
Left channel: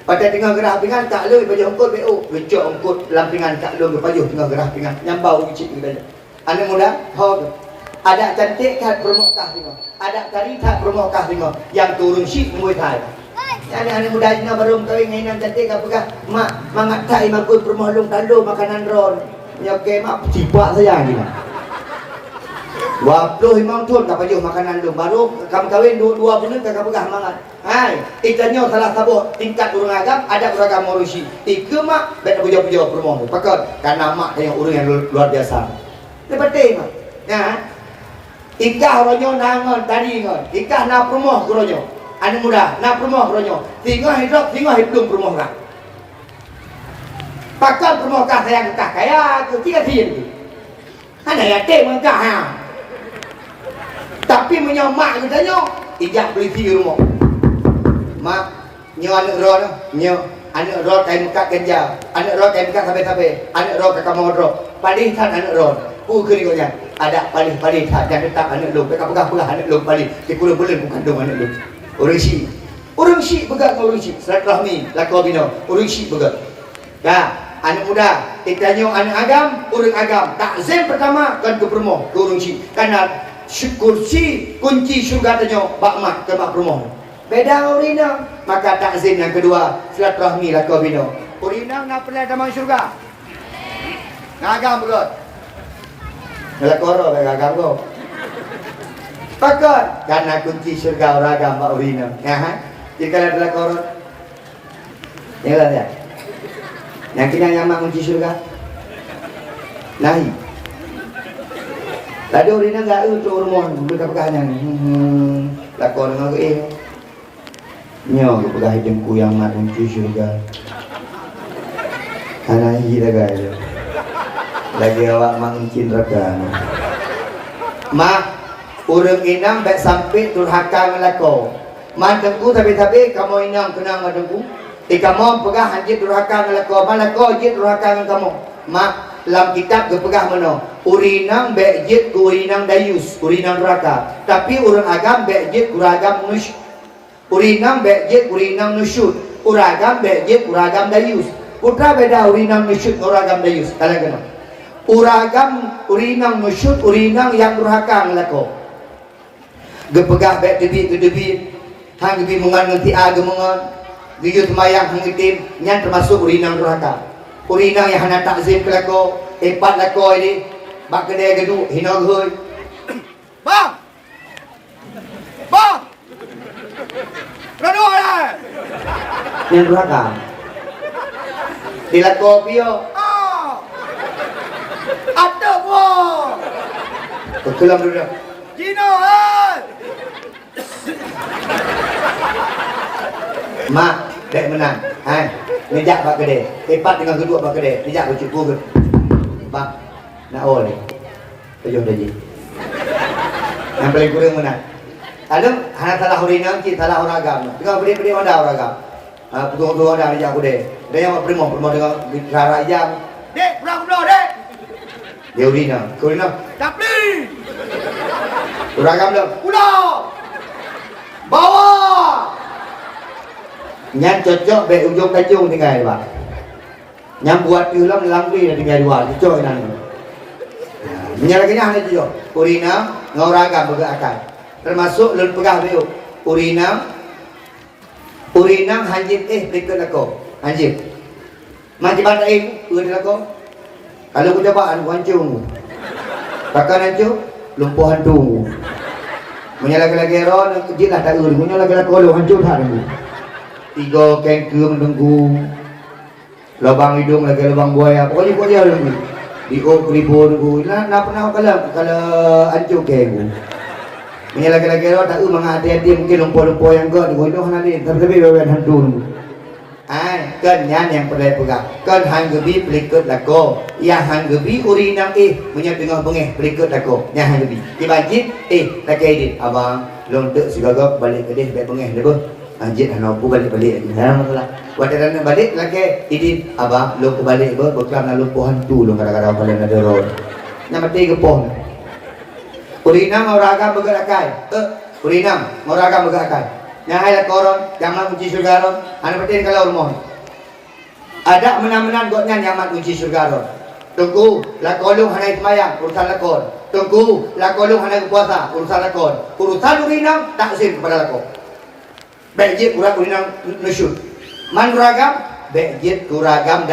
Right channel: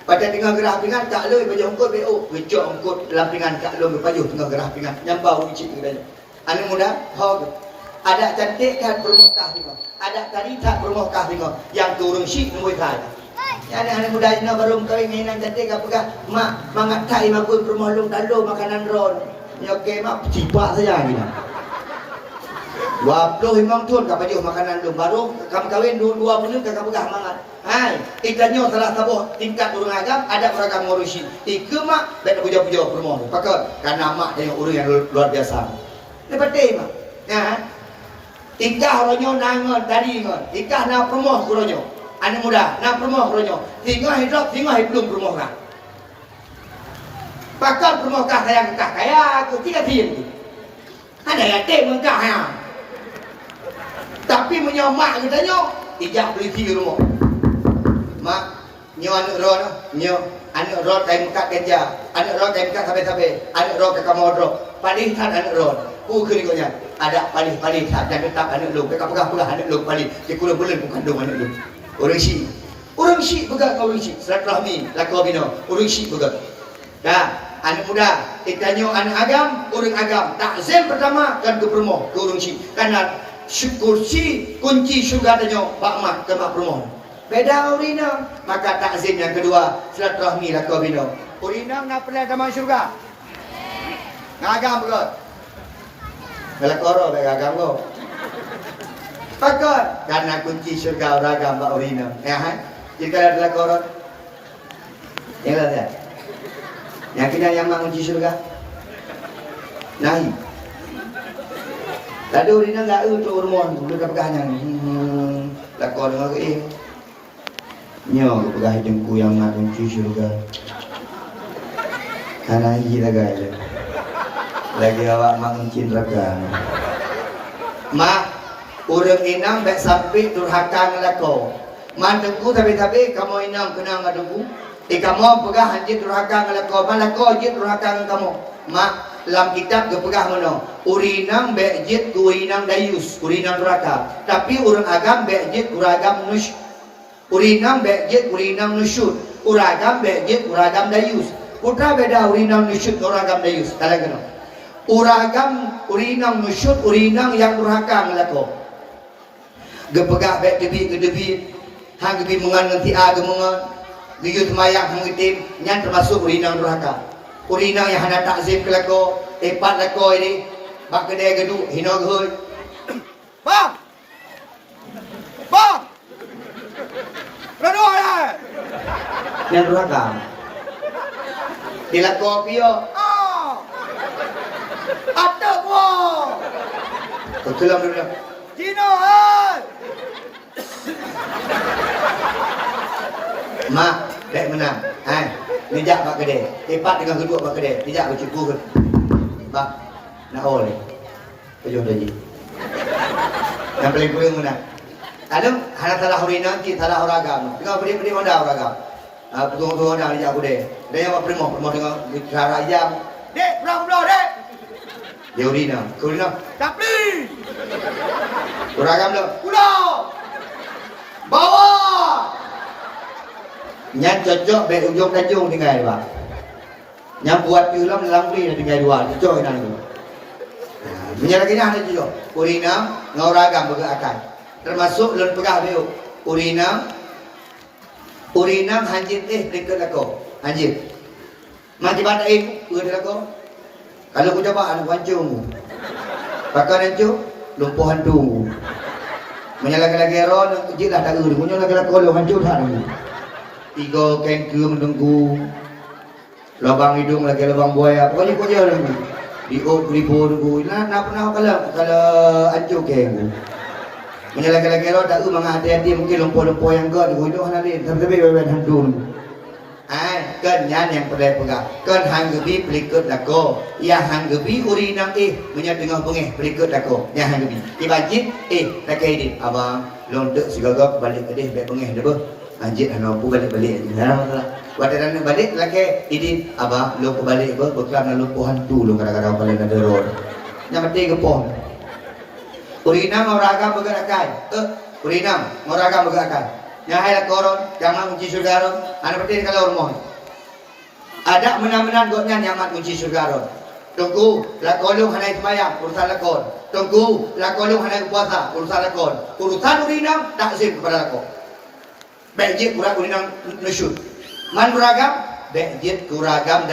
Pada tengah gerah pingan tak le baju ongkot BO. Gecok ongkot lampingan tak le baju tengah gerah pingan. Nyambau cik kita. Anak muda, ho. Ada cantik kan permokah tengok. Ada tadi tak permokah tengok. Yang turun syik nemui kai. Jadi anak muda ini baru kawin dengan cantik apakah mak mangat tai makut permoh lung tando makanan ron. Ya ke mak cipak saja gila. 20 imam tuan kau baju makanan tu baru kamu kawin 2 bulan kau pegang mangat. Hai, ikannya salah satu tingkat urang agam ada beragam manusia. Tiga mak dak puja-puja permoh. Pakar karena mak tengok urang yang luar biasa. Ini penting mak. Ya. Ikah ronyo nangon tadi ngon. Ikah na permoh ronyo. Anak muda na permoh ronyo. Tinggal hidup belum permoh kan. Pakar permoh kah sayang kah kaya tu tiga tiga. Ada yang tengok kah ha. Tapi menyomak katanya ijak beli di rumah. Mak, nyo anak roh nyo anak roh kain kat kerja, anak roh kain kat sampai anak roh ke kamar roh. Padih kan anak roh. Ku kerikonya ada padih tak dan tetap anak lu. Pegang anak lu padih. Di bulan kandung anak lu. Orang si pegang orang si. Silaturahmi lakau bina. Orang si pegang. Ya, anak muda, kita nyo anak agam, orang agam. Takzim pertama kan ke permoh, ke orang si. Karena kursi kunci syurga tanya bakmat ke mak permoh. Beda urinang, maka takzim yang kedua silaturahmi lakau bina. Urinang nak pelai taman syurga. Ngagam begot. Ngelakoro ngagam lo. Pakot karena kunci syurga orang agam bak urinang. Ya ha? Jika ada lakoro. Ya lah ya. Yang kena yang mak kunci syurga. Nahi. Tadi urina enggak untuk rumah buka-bukanya. Lakon ngak nyo buka jengku yang mak kunci syurga. Karena hiji lagi. Lagi awak mak kunci neraka. Mak urang inang baik sampai durhaka ngelako. Mandengku tapi kamu inang kenang mandengku. Kamu pegah anjir durhaka ngelako. Malako anjir durhaka ngan kamu. Mak dalam kitab kepegah mana urinang bejit ku urinang dayus urinang neraka tapi urang agam bejit uragam nus urinang bejit urinang nusyut uragam bejit uragam dayus putra beda urinang nusyut uragam dayus kalau kena uragam urinang nusyut urinang yang durhaka ngelako gepegah bek debi hang debi mungan ngerti agemungan giyut mayang hang itim nyan termasuk urinang durhaka. Urinang yang hendak takzim ke lako, empat lako ini, bak kedai geduk, hina hui. Bang! Rado lah! Yang durhaka. Di lako pio. Atuk wo! Kelam dulu. Gino hai! Mak, dek menang. Hai. Nijak bak kedai. Tepat dengan kedua bak kedai. Nijak bercukur ke. Bak. Nak oleh. Kejauh tadi. Yang paling kurang mana? Ada hanya salah urinang, kita salah orang agama. Tengah beri-beri mana orang agama. Pegung-pegung dah nijak kedai. Dan yang buat perimoh dengan cara jam. Dek, pulang ke belah, dek. Dia urinang. Ke urinang. Tapi. Uragam dah. Pulau. Bawa. Nyan cocok be ujung tajung tinggal Pak. Nyan buat ulam dalam beli tinggal dua. Cocok nang. Menyalahkannya hanya tujuh. Urina ngoragam bergerakkan. Termasuk lun pegah biu. Urina hanjit berikut lako. Hanjit. Macam mana berikut lako? Kalau aku cobaan wancung. Pakai hancur lumpuh hantu. Menyalahkan lagi ron kecil lah tak ur. Menyalahkan lagi kalau hancur hari. Tiga kengkir mendengku. Lubang hidung lagi lubang buaya. Pokoknya kau dia dulu. Dior kripor ku nak pernah kalau hancur keng. Menyalahkan lagi ron tak ur menghati-hati mungkin lumpuh-lumpuh yang kau di hidung hari tapi beban hantu. Kan yang perlu pegang. Kan hang gebi berikut lako. Yang hang gebi urinang menyat tengah bengeh berikut lako. Yang hang gebi. Dibajit laki edit. Abang lontek segagap balik ke dia baik bengeh dah pun. Anjit hang aku balik-balik. Dah masalah. Waktu nak balik laki edit. Abang lo ke balik ke bekam lumpuh hantu lo kadang-kadang balik ada road. Yang mati ke pom. Urinang orang bergerakan. Urinang orang bergerakan. Yang hai koron jangan kunci surga ron. Anak betul kalau rumah. Ada menang-menang gotnya nyaman kunci surga ron. Tunggu lakolung hanai semayang urusan lakon. Tunggu lakolung hanai puasa urusan lakon. Urusan urinang tak sin kepada lakon. Bejit urinang nusyuk. Man uragam bejit uragam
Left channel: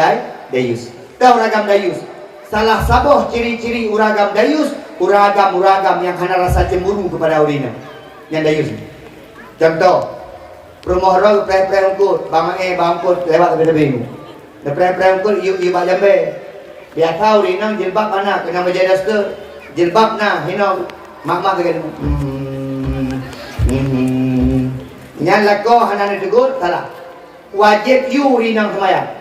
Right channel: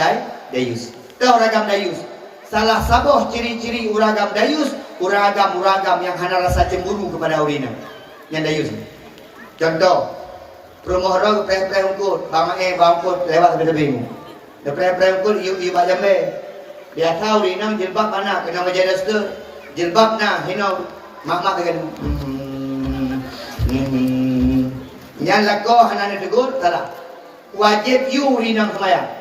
dayus. Kau uragam dayus. Salah saboh ciri-ciri uragam dayus, uragam yang hana rasa cemburu kepada urinang. Yang dayus. Contoh, rumah orang pre-pre ungkut, bangkut lewat lebih-lebih. Pre-pre ungkut, iu bak jambe. Dia tahu rinang jilbab mana, kena menjadi ster. Jilbab na, hina, mak-mak dengan Nyan lako, hana ni tegur, salah. Wajib iu rinang semayang.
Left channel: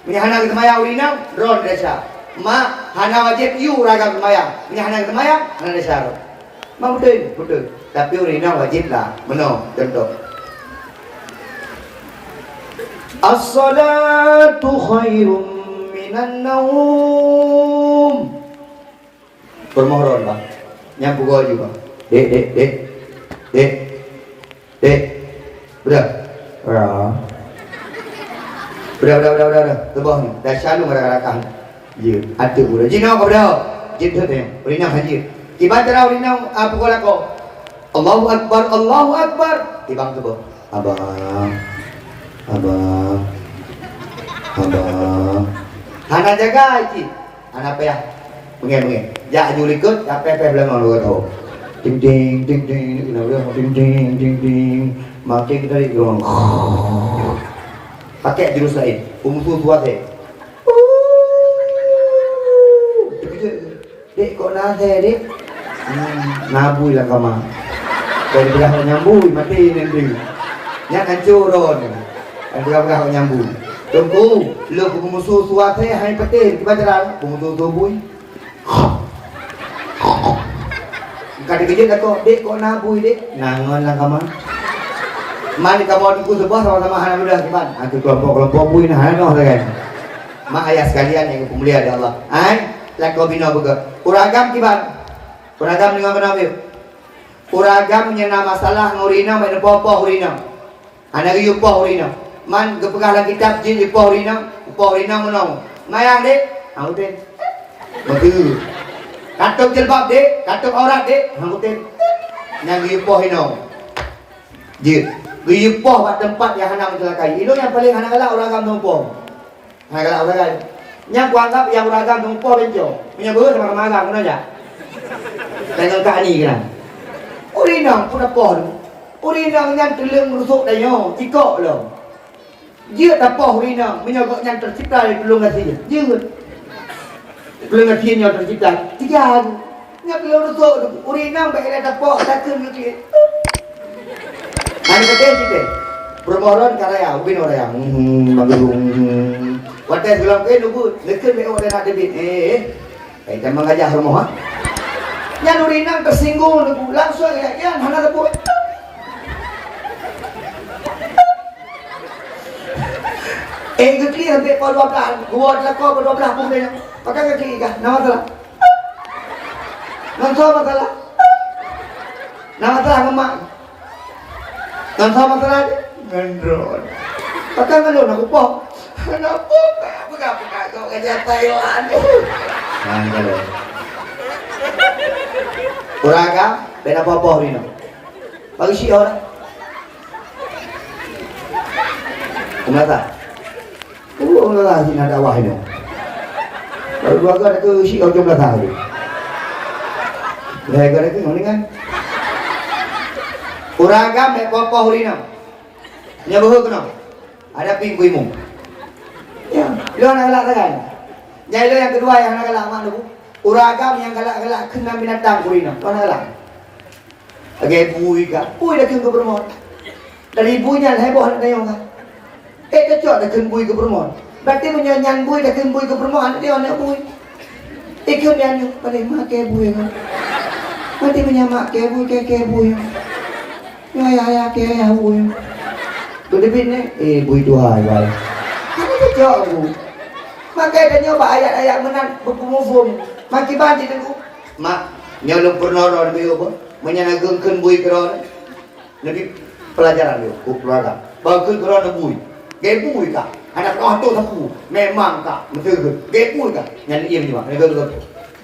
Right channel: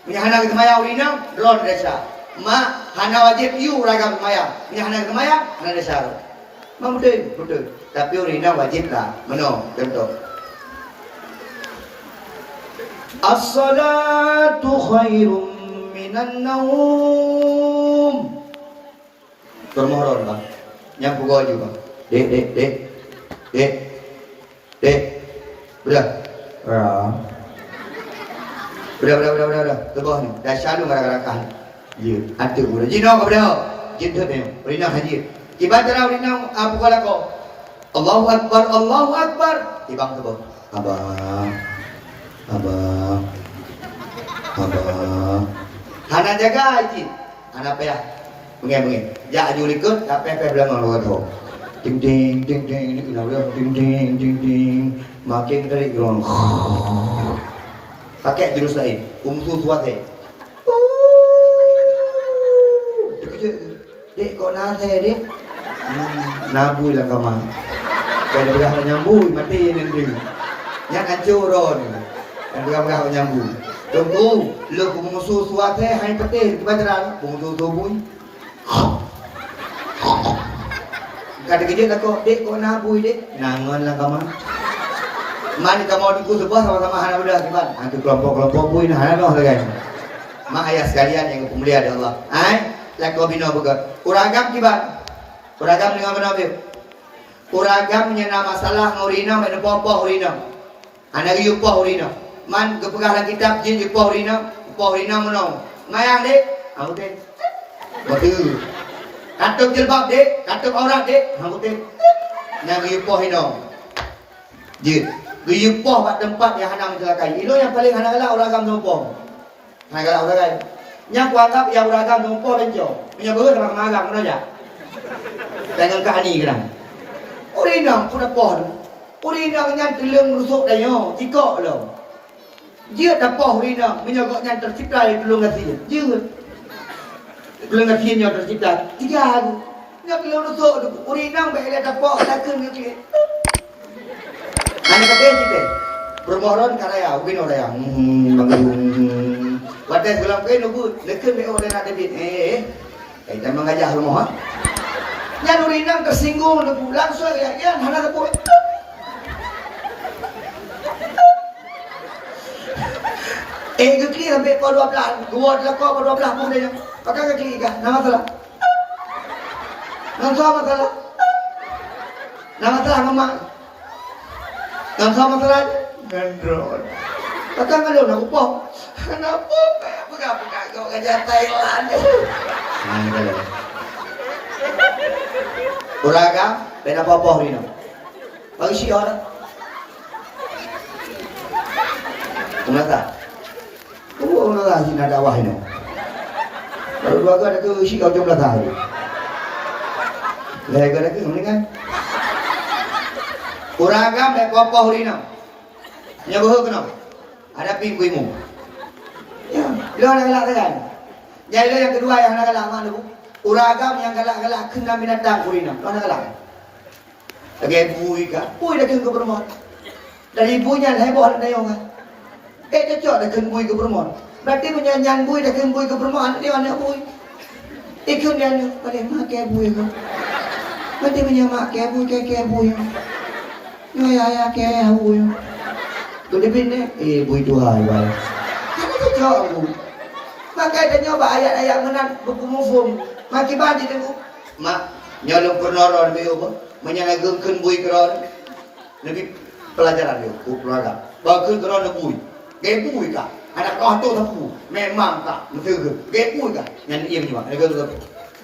Punya hana semayang rinang, ron desa. Mak, hana wajib iu ragam semayang. Punya hana semayang, hana desa ron. Mak betul. Tapi urina wajib lah. Mana? Contoh. As-salatu khairum minan naum. Permohonan bang. Yang pukul juga. Dek. Udah. Udah. Kebah ni. Dah selalu ngarak-ngarakan. Ya. Atuk udah. Jino kau dah. Jino ni. Urina haji. Kibat terau urina pukul aku. Allahu Akbar. Tibang ke bawah. Abang. Hana jaga aji. Hana apa ya? Mungkin. Jak julikut, tapi belang orang tahu. Ting. Makin kita diorang. Pakai jurus lain. Umusul tuat Dek kok nase dek? Nabui lah kamar. Kalau berapa nyambui mati nanti. Yang hancur ron. Yang berapa nyambui. Tunggu, lu pengusul suat hai petir kita jalan pengusul tubuh. Kadang kerja kata dek kok nabui dek. Nangon lah kamar. Mari kamu duduk sebelah sama-sama hana muda gimana? Aku kelompok-kelompok bui nah hana kan. Mak ayah sekalian yang pemulia dari Allah. Lako bina bega. Uragam kibat. Uragam dengan mana be? Uragam nyana masalah ngurina mana popo urina. Anak yupo urina. Man kepegah kitab jin yupo urina menong. Mayang dek. Udah. Betul. Katuk jilbab dek, katuk aurat dek. Udah. Yang yupo urina. Jin. Yupo kat tempat yang hana mencelakai. Itu yang paling hana galak uragam numpong. Hana galak uragam. Yang kuanggap yang uragam numpong benco. Punya berat sama kemagang mana aja. Dengan kani kan. Urinang pun apa? Urinang yang telung rusuk dayo, tikok lo. Dia tak apa urinang, menyogok yang tercipta dari telung hati. Dia. Telung hati yang tercipta. Tiga. Yang telung rusuk urinang bagi dia tak apa, tak kena dia. Ani kata kita. Permohonan karya, ubin orang yang bangun. Wadah segala kau nunggu, lekun me orang nak debit. Kita mengajak rumah. Yang urinang tersinggung langsung ya hana tepuk. Kekli sampai pukul 12. Gua adalah kau pukul 12 pun dia. Pakai kekli kah? Nama salah. Nama salah. Nama terang mak. Kan sama terang ngendron. Pakai ngendron aku pok. Kenapa? Aku gak pernah kau kerja Thailand. Nah ini kalau. Uraga, beda apa-apa ini. Bagi si orang. Kenapa? Enggak sih nak dakwah ini. Baru dua kali ke si kau jumlah tahu. Lega itu mendingan. Uragam dan kopoh ini. Nyabuh kena. Ada pinggu imu. Ya, lo nak galak kan? Jadi yang kedua yang nak galak mana tu? Uragam yang galak-galak kena binatang kurina. Lo nak galak? Agak bui kan? Bui dah kena ke perempuan. Dari buinya heboh anak dia orang. Kecok dah kena bui ke perempuan. Berarti menyanyian bui dah kena bui ke perempuan. Dia anak bui. Ikut dia ni paling mak ke bui. Berarti menyamak ke bui ke bui. Ya ke bui. Tu dia ni, bui dua bal. Ada kecok aku. Maka dia nyoba ayat-ayat menang berpumufum. Maki bandi tu. Mak, nyolong pernah lebih apa? Menyanagungkan bui keron. Lebih pelajaran dia, keluarga. Bawa keron bui. Gaya bui kah? Anak kau tu tak bui. Memang kah? Betul. Gaya bui kah? Yang dia ni mak. Mereka tu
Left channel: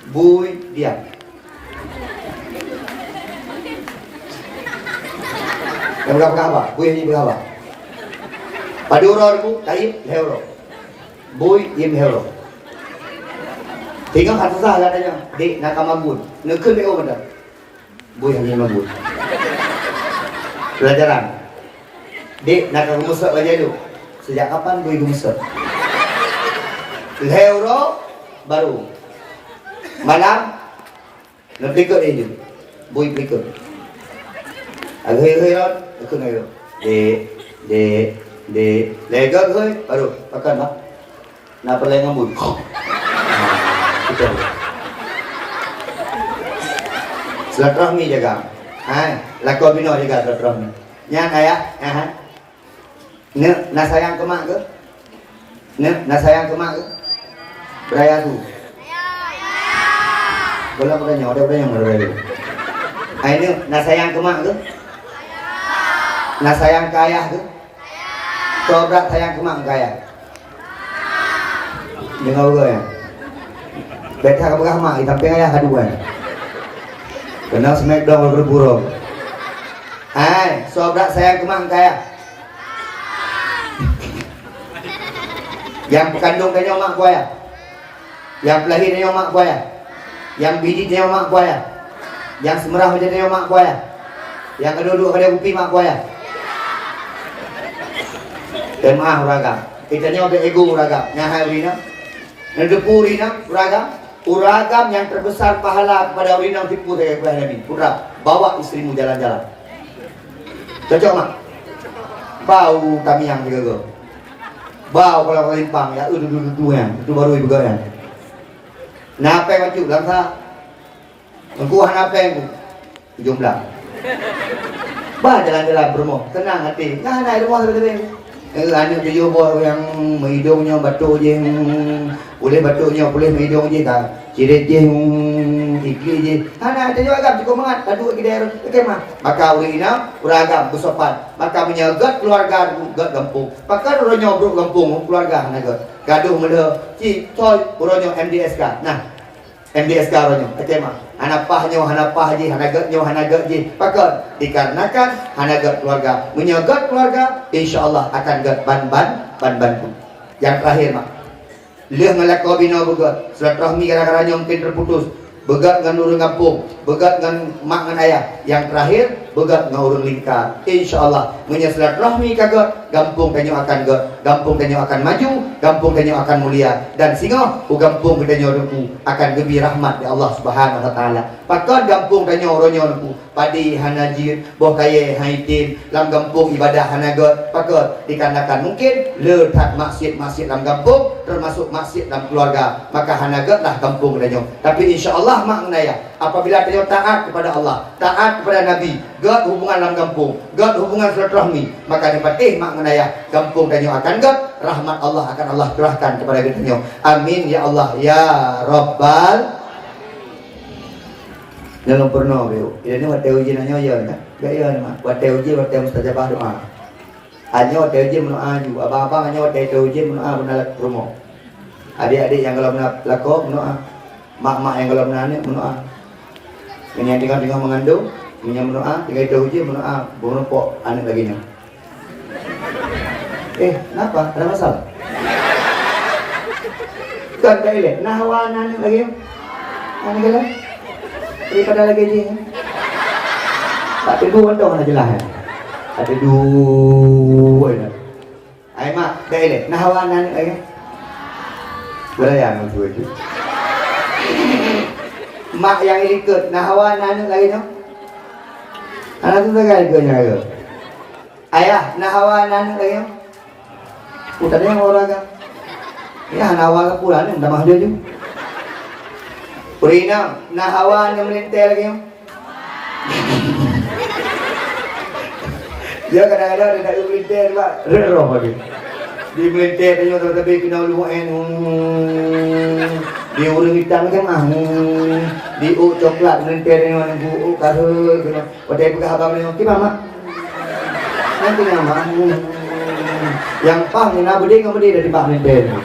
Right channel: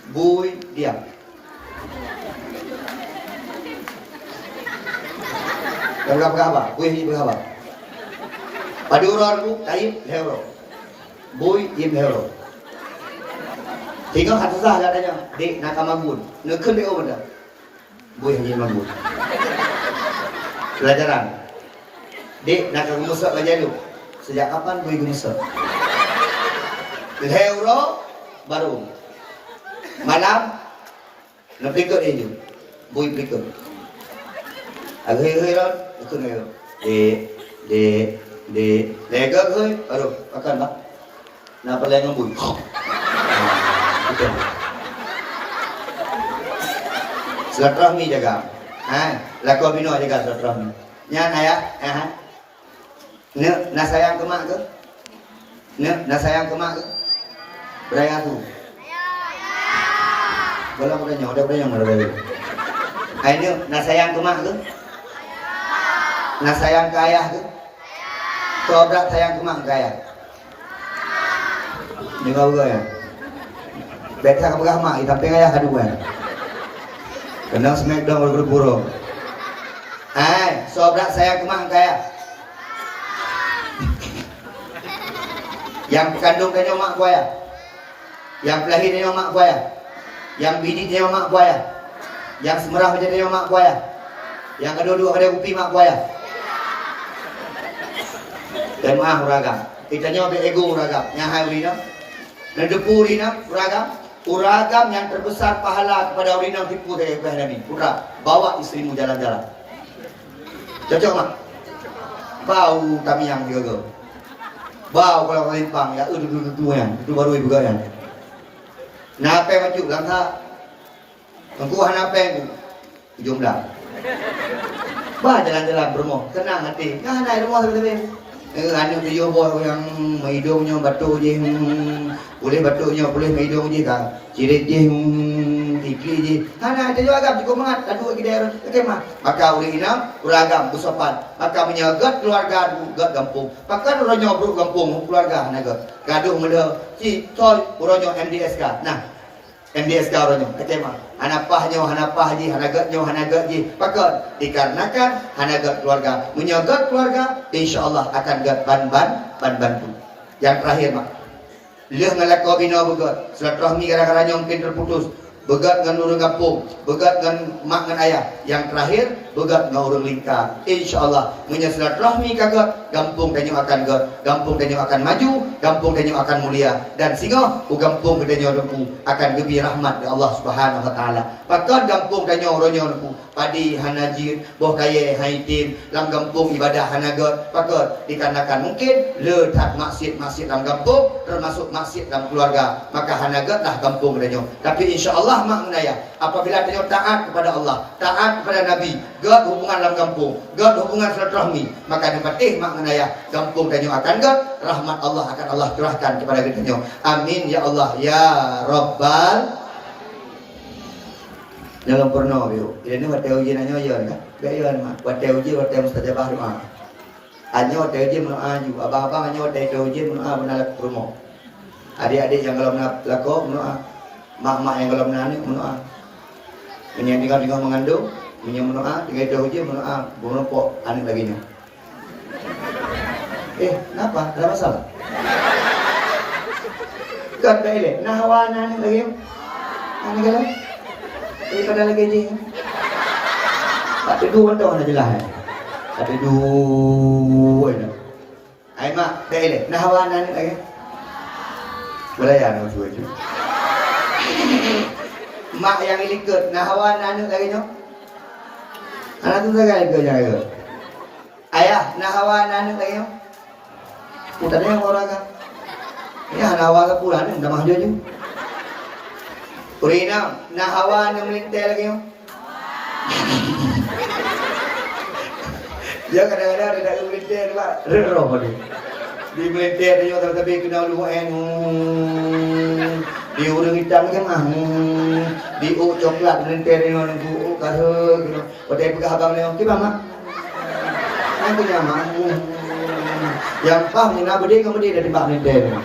bui dia. Berapa apa? Bui ni berapa? Pada orang tu, kain hero. Bui im hero. Tengok kata sah katanya, dek nak kamagun. Nekun dia orang dah. Bui hanya kamagun. Pelajaran. Dek nak kemusak baca tu. Sejak kapan bui kemusak? Hero baru. Malam nak perikut dia je. Bui perikut. Hero, nekun hero. Dek. Lega ke? Baru makan mak. Nak pelai ngambul. Kita. Silaturahmi jaga. Lakau bina jaga silaturahmi. Nyan ayah, ne nak sayang ke mak ke? Ne nak sayang ke mak ke? Beraya tu. Boleh bertanya, ada beraya. Ai ne nak sayang ke mak ke? Nak sayang ke ayah ke? Coba sayang ke mak kaya. Dengar gue ya. Beta ke belah mak, tapi ayah hadu gue. Kena smackdown berburung. Sobrak sayang ke mak kaya. Yang kandung kaya mak gue ya. Yang pelahirnya mak gue ya. Yang bidiknya mak gue ya. Yang semerah menjadi mak gue ya. Yang kedua-dua pada upi mak gue ya. Dan maaf uraga, kita nyoba ego uraga, nyahai urina, nedepu urina uraga, uragam yang terbesar pahala kepada urina tipu dari Nabi. Pura, bawa istrimu jalan-jalan. Cocok mak? Bau kami yang jaga. Bau kalau limpang ya, itu yang, itu baru ibu gaya. Nape macam langsa, engkau nape jumlah. Bah jalan-jalan bermo, tenang hati, nah ada rumah sebetulnya. Anak dia boh yang hidungnya batuk je, boleh batuknya, boleh hidung je tak, cirit je, ikli je. Anak ada juga agam cukup mangat, aduh kita harus, okey mah. Maka oleh ina, uragam bersopan, maka menyagat keluarga gat kampung. Pakai orang nyobrok kampung keluarga naga. Gaduh mula, cik toy orang MDSK. Nah, MDSK orangnya, okey mah. Hanapahnya, hanapah je, hanagat je. Pakai dikarenakan hanagat keluarga, menyagat keluarga, insya-Allah akan gat ban tu. Yang terakhir mak, leh ngalakau bina begat, silaturahmi gara-gara nyongkin terputus. Begat dengan urung kampung, begat dengan mak dengan ayah. Yang terakhir, begat dengan urung lingkar. InsyaAllah, silaturahmi kagat, kampung tanyo akan gat, kampung tanyo akan maju, kampung tanyo akan mulia. Dan singa, kampung tanyo ruku akan lebih rahmat dari Allah Subhanahu Wa Taala. Pakon kampung tanyo ronyo ruku, padi hanajir, boh kaya haitin, lam kampung ibadah hanagat. Pakon dikarenakan mungkin letak masjid-masjid dalam kampung, termasuk masjid dalam keluarga. Maka hanagatlah kampung tanyo. Tapi insya-Allah mak menaya, apabila dia taat kepada Allah, taat kepada Nabi, gak hubungan dalam kampung, gak hubungan silaturahmi, maka dipatih mak menaya, kampung kanyo akan gak, rahmat Allah akan Allah curahkan kepada kanyo. Amin ya Allah ya Rabbal. Belum pernah biu. Ini hotel uji nanya ya kan? Gaya mak. Hotel uji hotel mustajabah doa. Hanya hotel uji mendoa juga. Abang-abang hanya hotel uji mendoa benar rumah. Adik-adik yang kalau melakok mendoa. Mak-mak yang kalau menanik mendoa. Ini yang tinggal mengandung, ini yang mendoa, tinggal hotel uji mendoa. Bunuh pok anak lagi nya. Kenapa? Ada masalah? Bukan tak elok. Nahawan anak lagi. Anak lagi. Pada lagi je. Tak ada dua dong nak jelas. Ada dua ni. Ai mak, dah elok. Nah hawan anak lagi. Beraya nak tu je. Mak yang ikut nah hawan anak lagi nya. Anak tu sagai ke nya. Ayah nah hawan anak lagi nya. Utara yang orang kan. Ya hawa pulang ni dah mah je. Purina, nah hawa yang melintir lagi. Dia kadang-kadang dia nak melintir juga, roh lagi. Di melintir dia tapi kena luan. Di urang hitam kan di coklat melintir dia nunggu karut gitu. Pada pegang abang dia, "Ki mama." Nanti mama. Yang pah ni nak berdiri kamu dia dari bak melintir.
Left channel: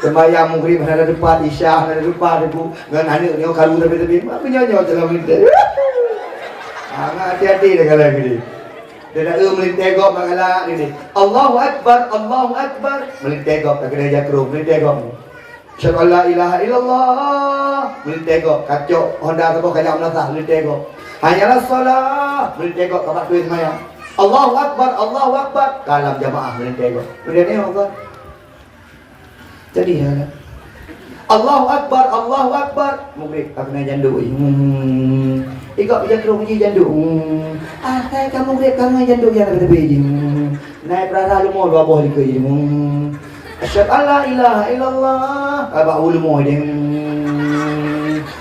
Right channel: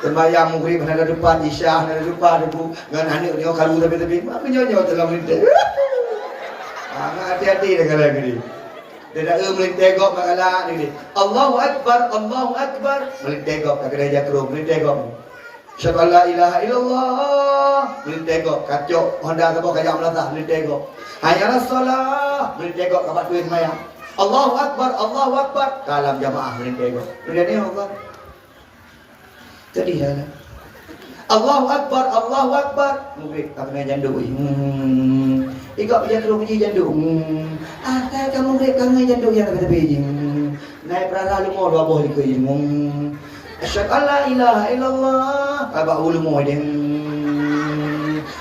Sembahyang maghrib ada depan, isya ada depan, dengan anak ni kalau tepi-tepi, apa nyanyi dalam melintir. Hati-hati dia kalau gini. Dia nak melintir gop kalau ni. Allahu Akbar, Allahu Akbar. Melintir gop tak kena jakro, melintir gop. Syahadu la ilaha illallah. Melintir gop, kacok Honda apa kajak melata, melintir gop. Hanyalah solat, melintir gop kat tu sembahyang. Allahu Akbar, Allahu Akbar. Kalam jamaah melintir gop. Kemudian ni Allah. Jadi ya. Allahu Akbar, Allahu Akbar. Mungkin pakai jandu. Ikut jatuh puji jandu. Saya kamu lihat kamu jandu yang ada tepi. Naik rara lu dua boh dikei. Asyhadu an la ilaha illallah. Aba ulmo jeung.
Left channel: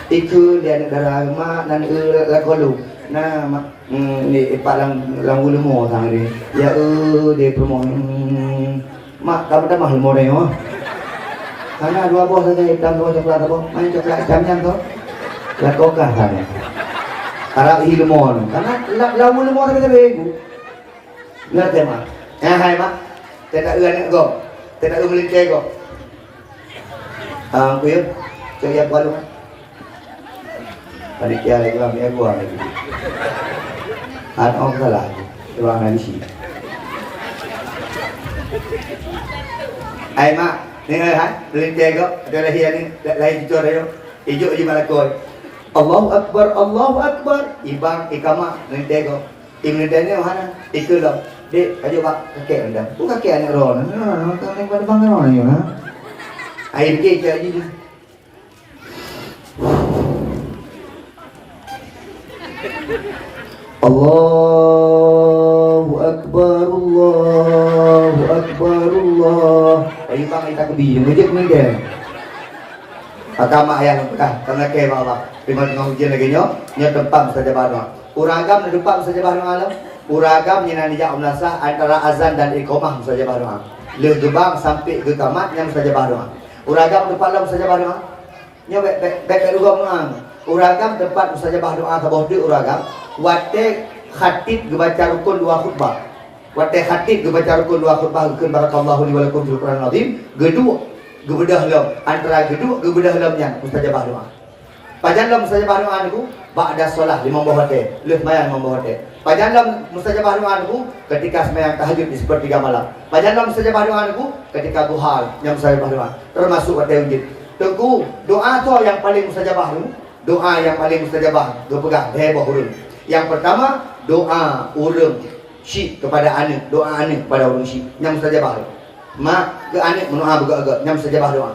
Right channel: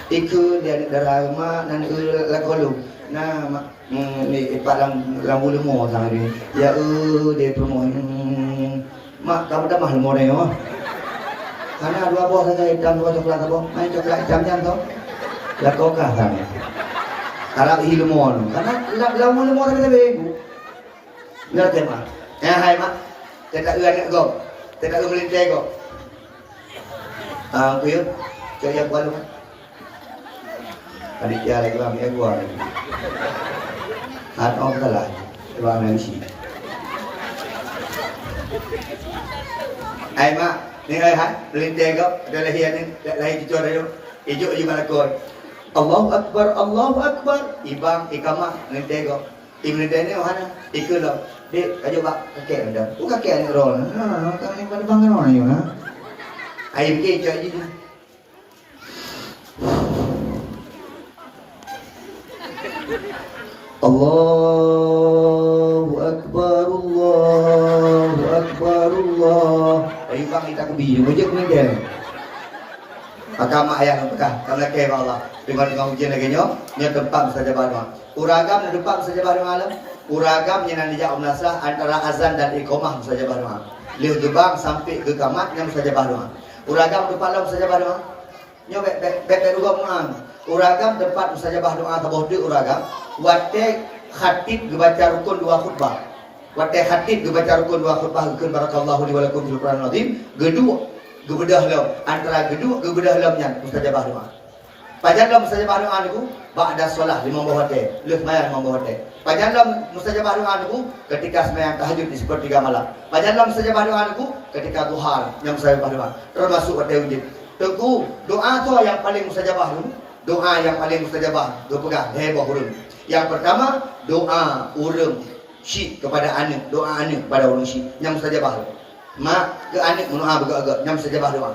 Ikut dia darah mak nan lakolu. Nah ni palang ulmo tadi. Ya dia promo. Mak kamu dah mahal moreo. Karena dua buah saja hitam, dua coklat apa? Main coklat hitamnya tu, lakokah sana. Karena ilmuon, karena lagu ilmuon kita bego. Lihat je mak. Hai mak, tidak ulan go, tidak ulan go. Aku ya, cakap apa lu? Panitia lagi kami gua lagi. Ada orang salah, ruang nasi. Hai mak. Ni ha, melintir kau, ada lahir ni, lahir cucur dia. Ijuk je malakoi. Allahu Akbar, Allahu Akbar. Ibang ikamah melintir kau. Melintir ni mana? Ikut dah. Dek, ajuk bak kakek anda. Bukan kakek anak roh. Kakek pada bangga roh ni ha. Air ke je je. Allahu Akbar, Allahu Akbar, Allah. Ayo bang kita kebi, ngejek ni dia. Agama yang kah, karena kaya Allah. Dengan ujian lagi nyo, tempam saja baru. Uragam dan tempam saja baru alam. Uragam yang nanti jauh melasa antara azan dan iqamah saja baru. Liu gebang sampai ke tamat yang saja baru. Uragam tempat lam saja baru. Nyo baik juga menang. Uragam tempat saja baru atau bohdi uragam. Wate khatib baca rukun dua khutbah. Wate khatib baca rukun dua khutbah rukun barakallahu li wa lakum fil Qur'an azim. Gedua gebedah lam antara gedua gebedah lamnya mustajabah doa. Pajan lam mustajabah doa niku ba'da solat lima bohate, leus mayan lima bohate. Pajan lam mustajabah doa niku ketika sembahyang tahajud di sepertiga malam. Pajan lam mustajabah doa niku ketika duha yang mustajabah doa. Termasuk wate wujud. Teguh doa tu yang paling mustajabah niku. Doa yang paling mustajabah, doa pegang heboh urang. Yang pertama, doa urang syik kepada anak, doa anak kepada urang syik yang mustajabah. Mak ke anak mendoa agak-agak yang mustajabah doa.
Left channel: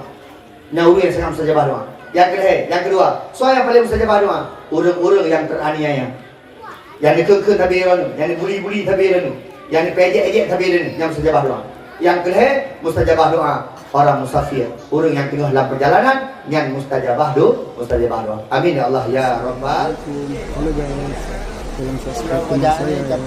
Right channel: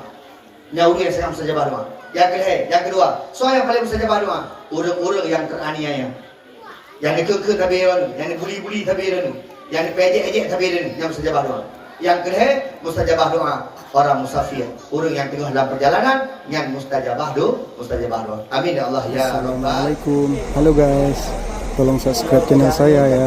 Nauri yang mustajabah doa. Yang kedua, so yang paling mustajabah doa, urang-urang yang teraniaya. Yang dikekeh tabiran, yang dibuli-buli tabiran, yang dipejek-ejek tabiran yang mustajabah doa. Yang kedua, mustajabah doa orang musafir, orang yang tengah dalam perjalanan yang mustajabah doa. Amin ya Allah ya Rabbal. Assalamualaikum. Halo guys, tolong subscribe channel saya ya.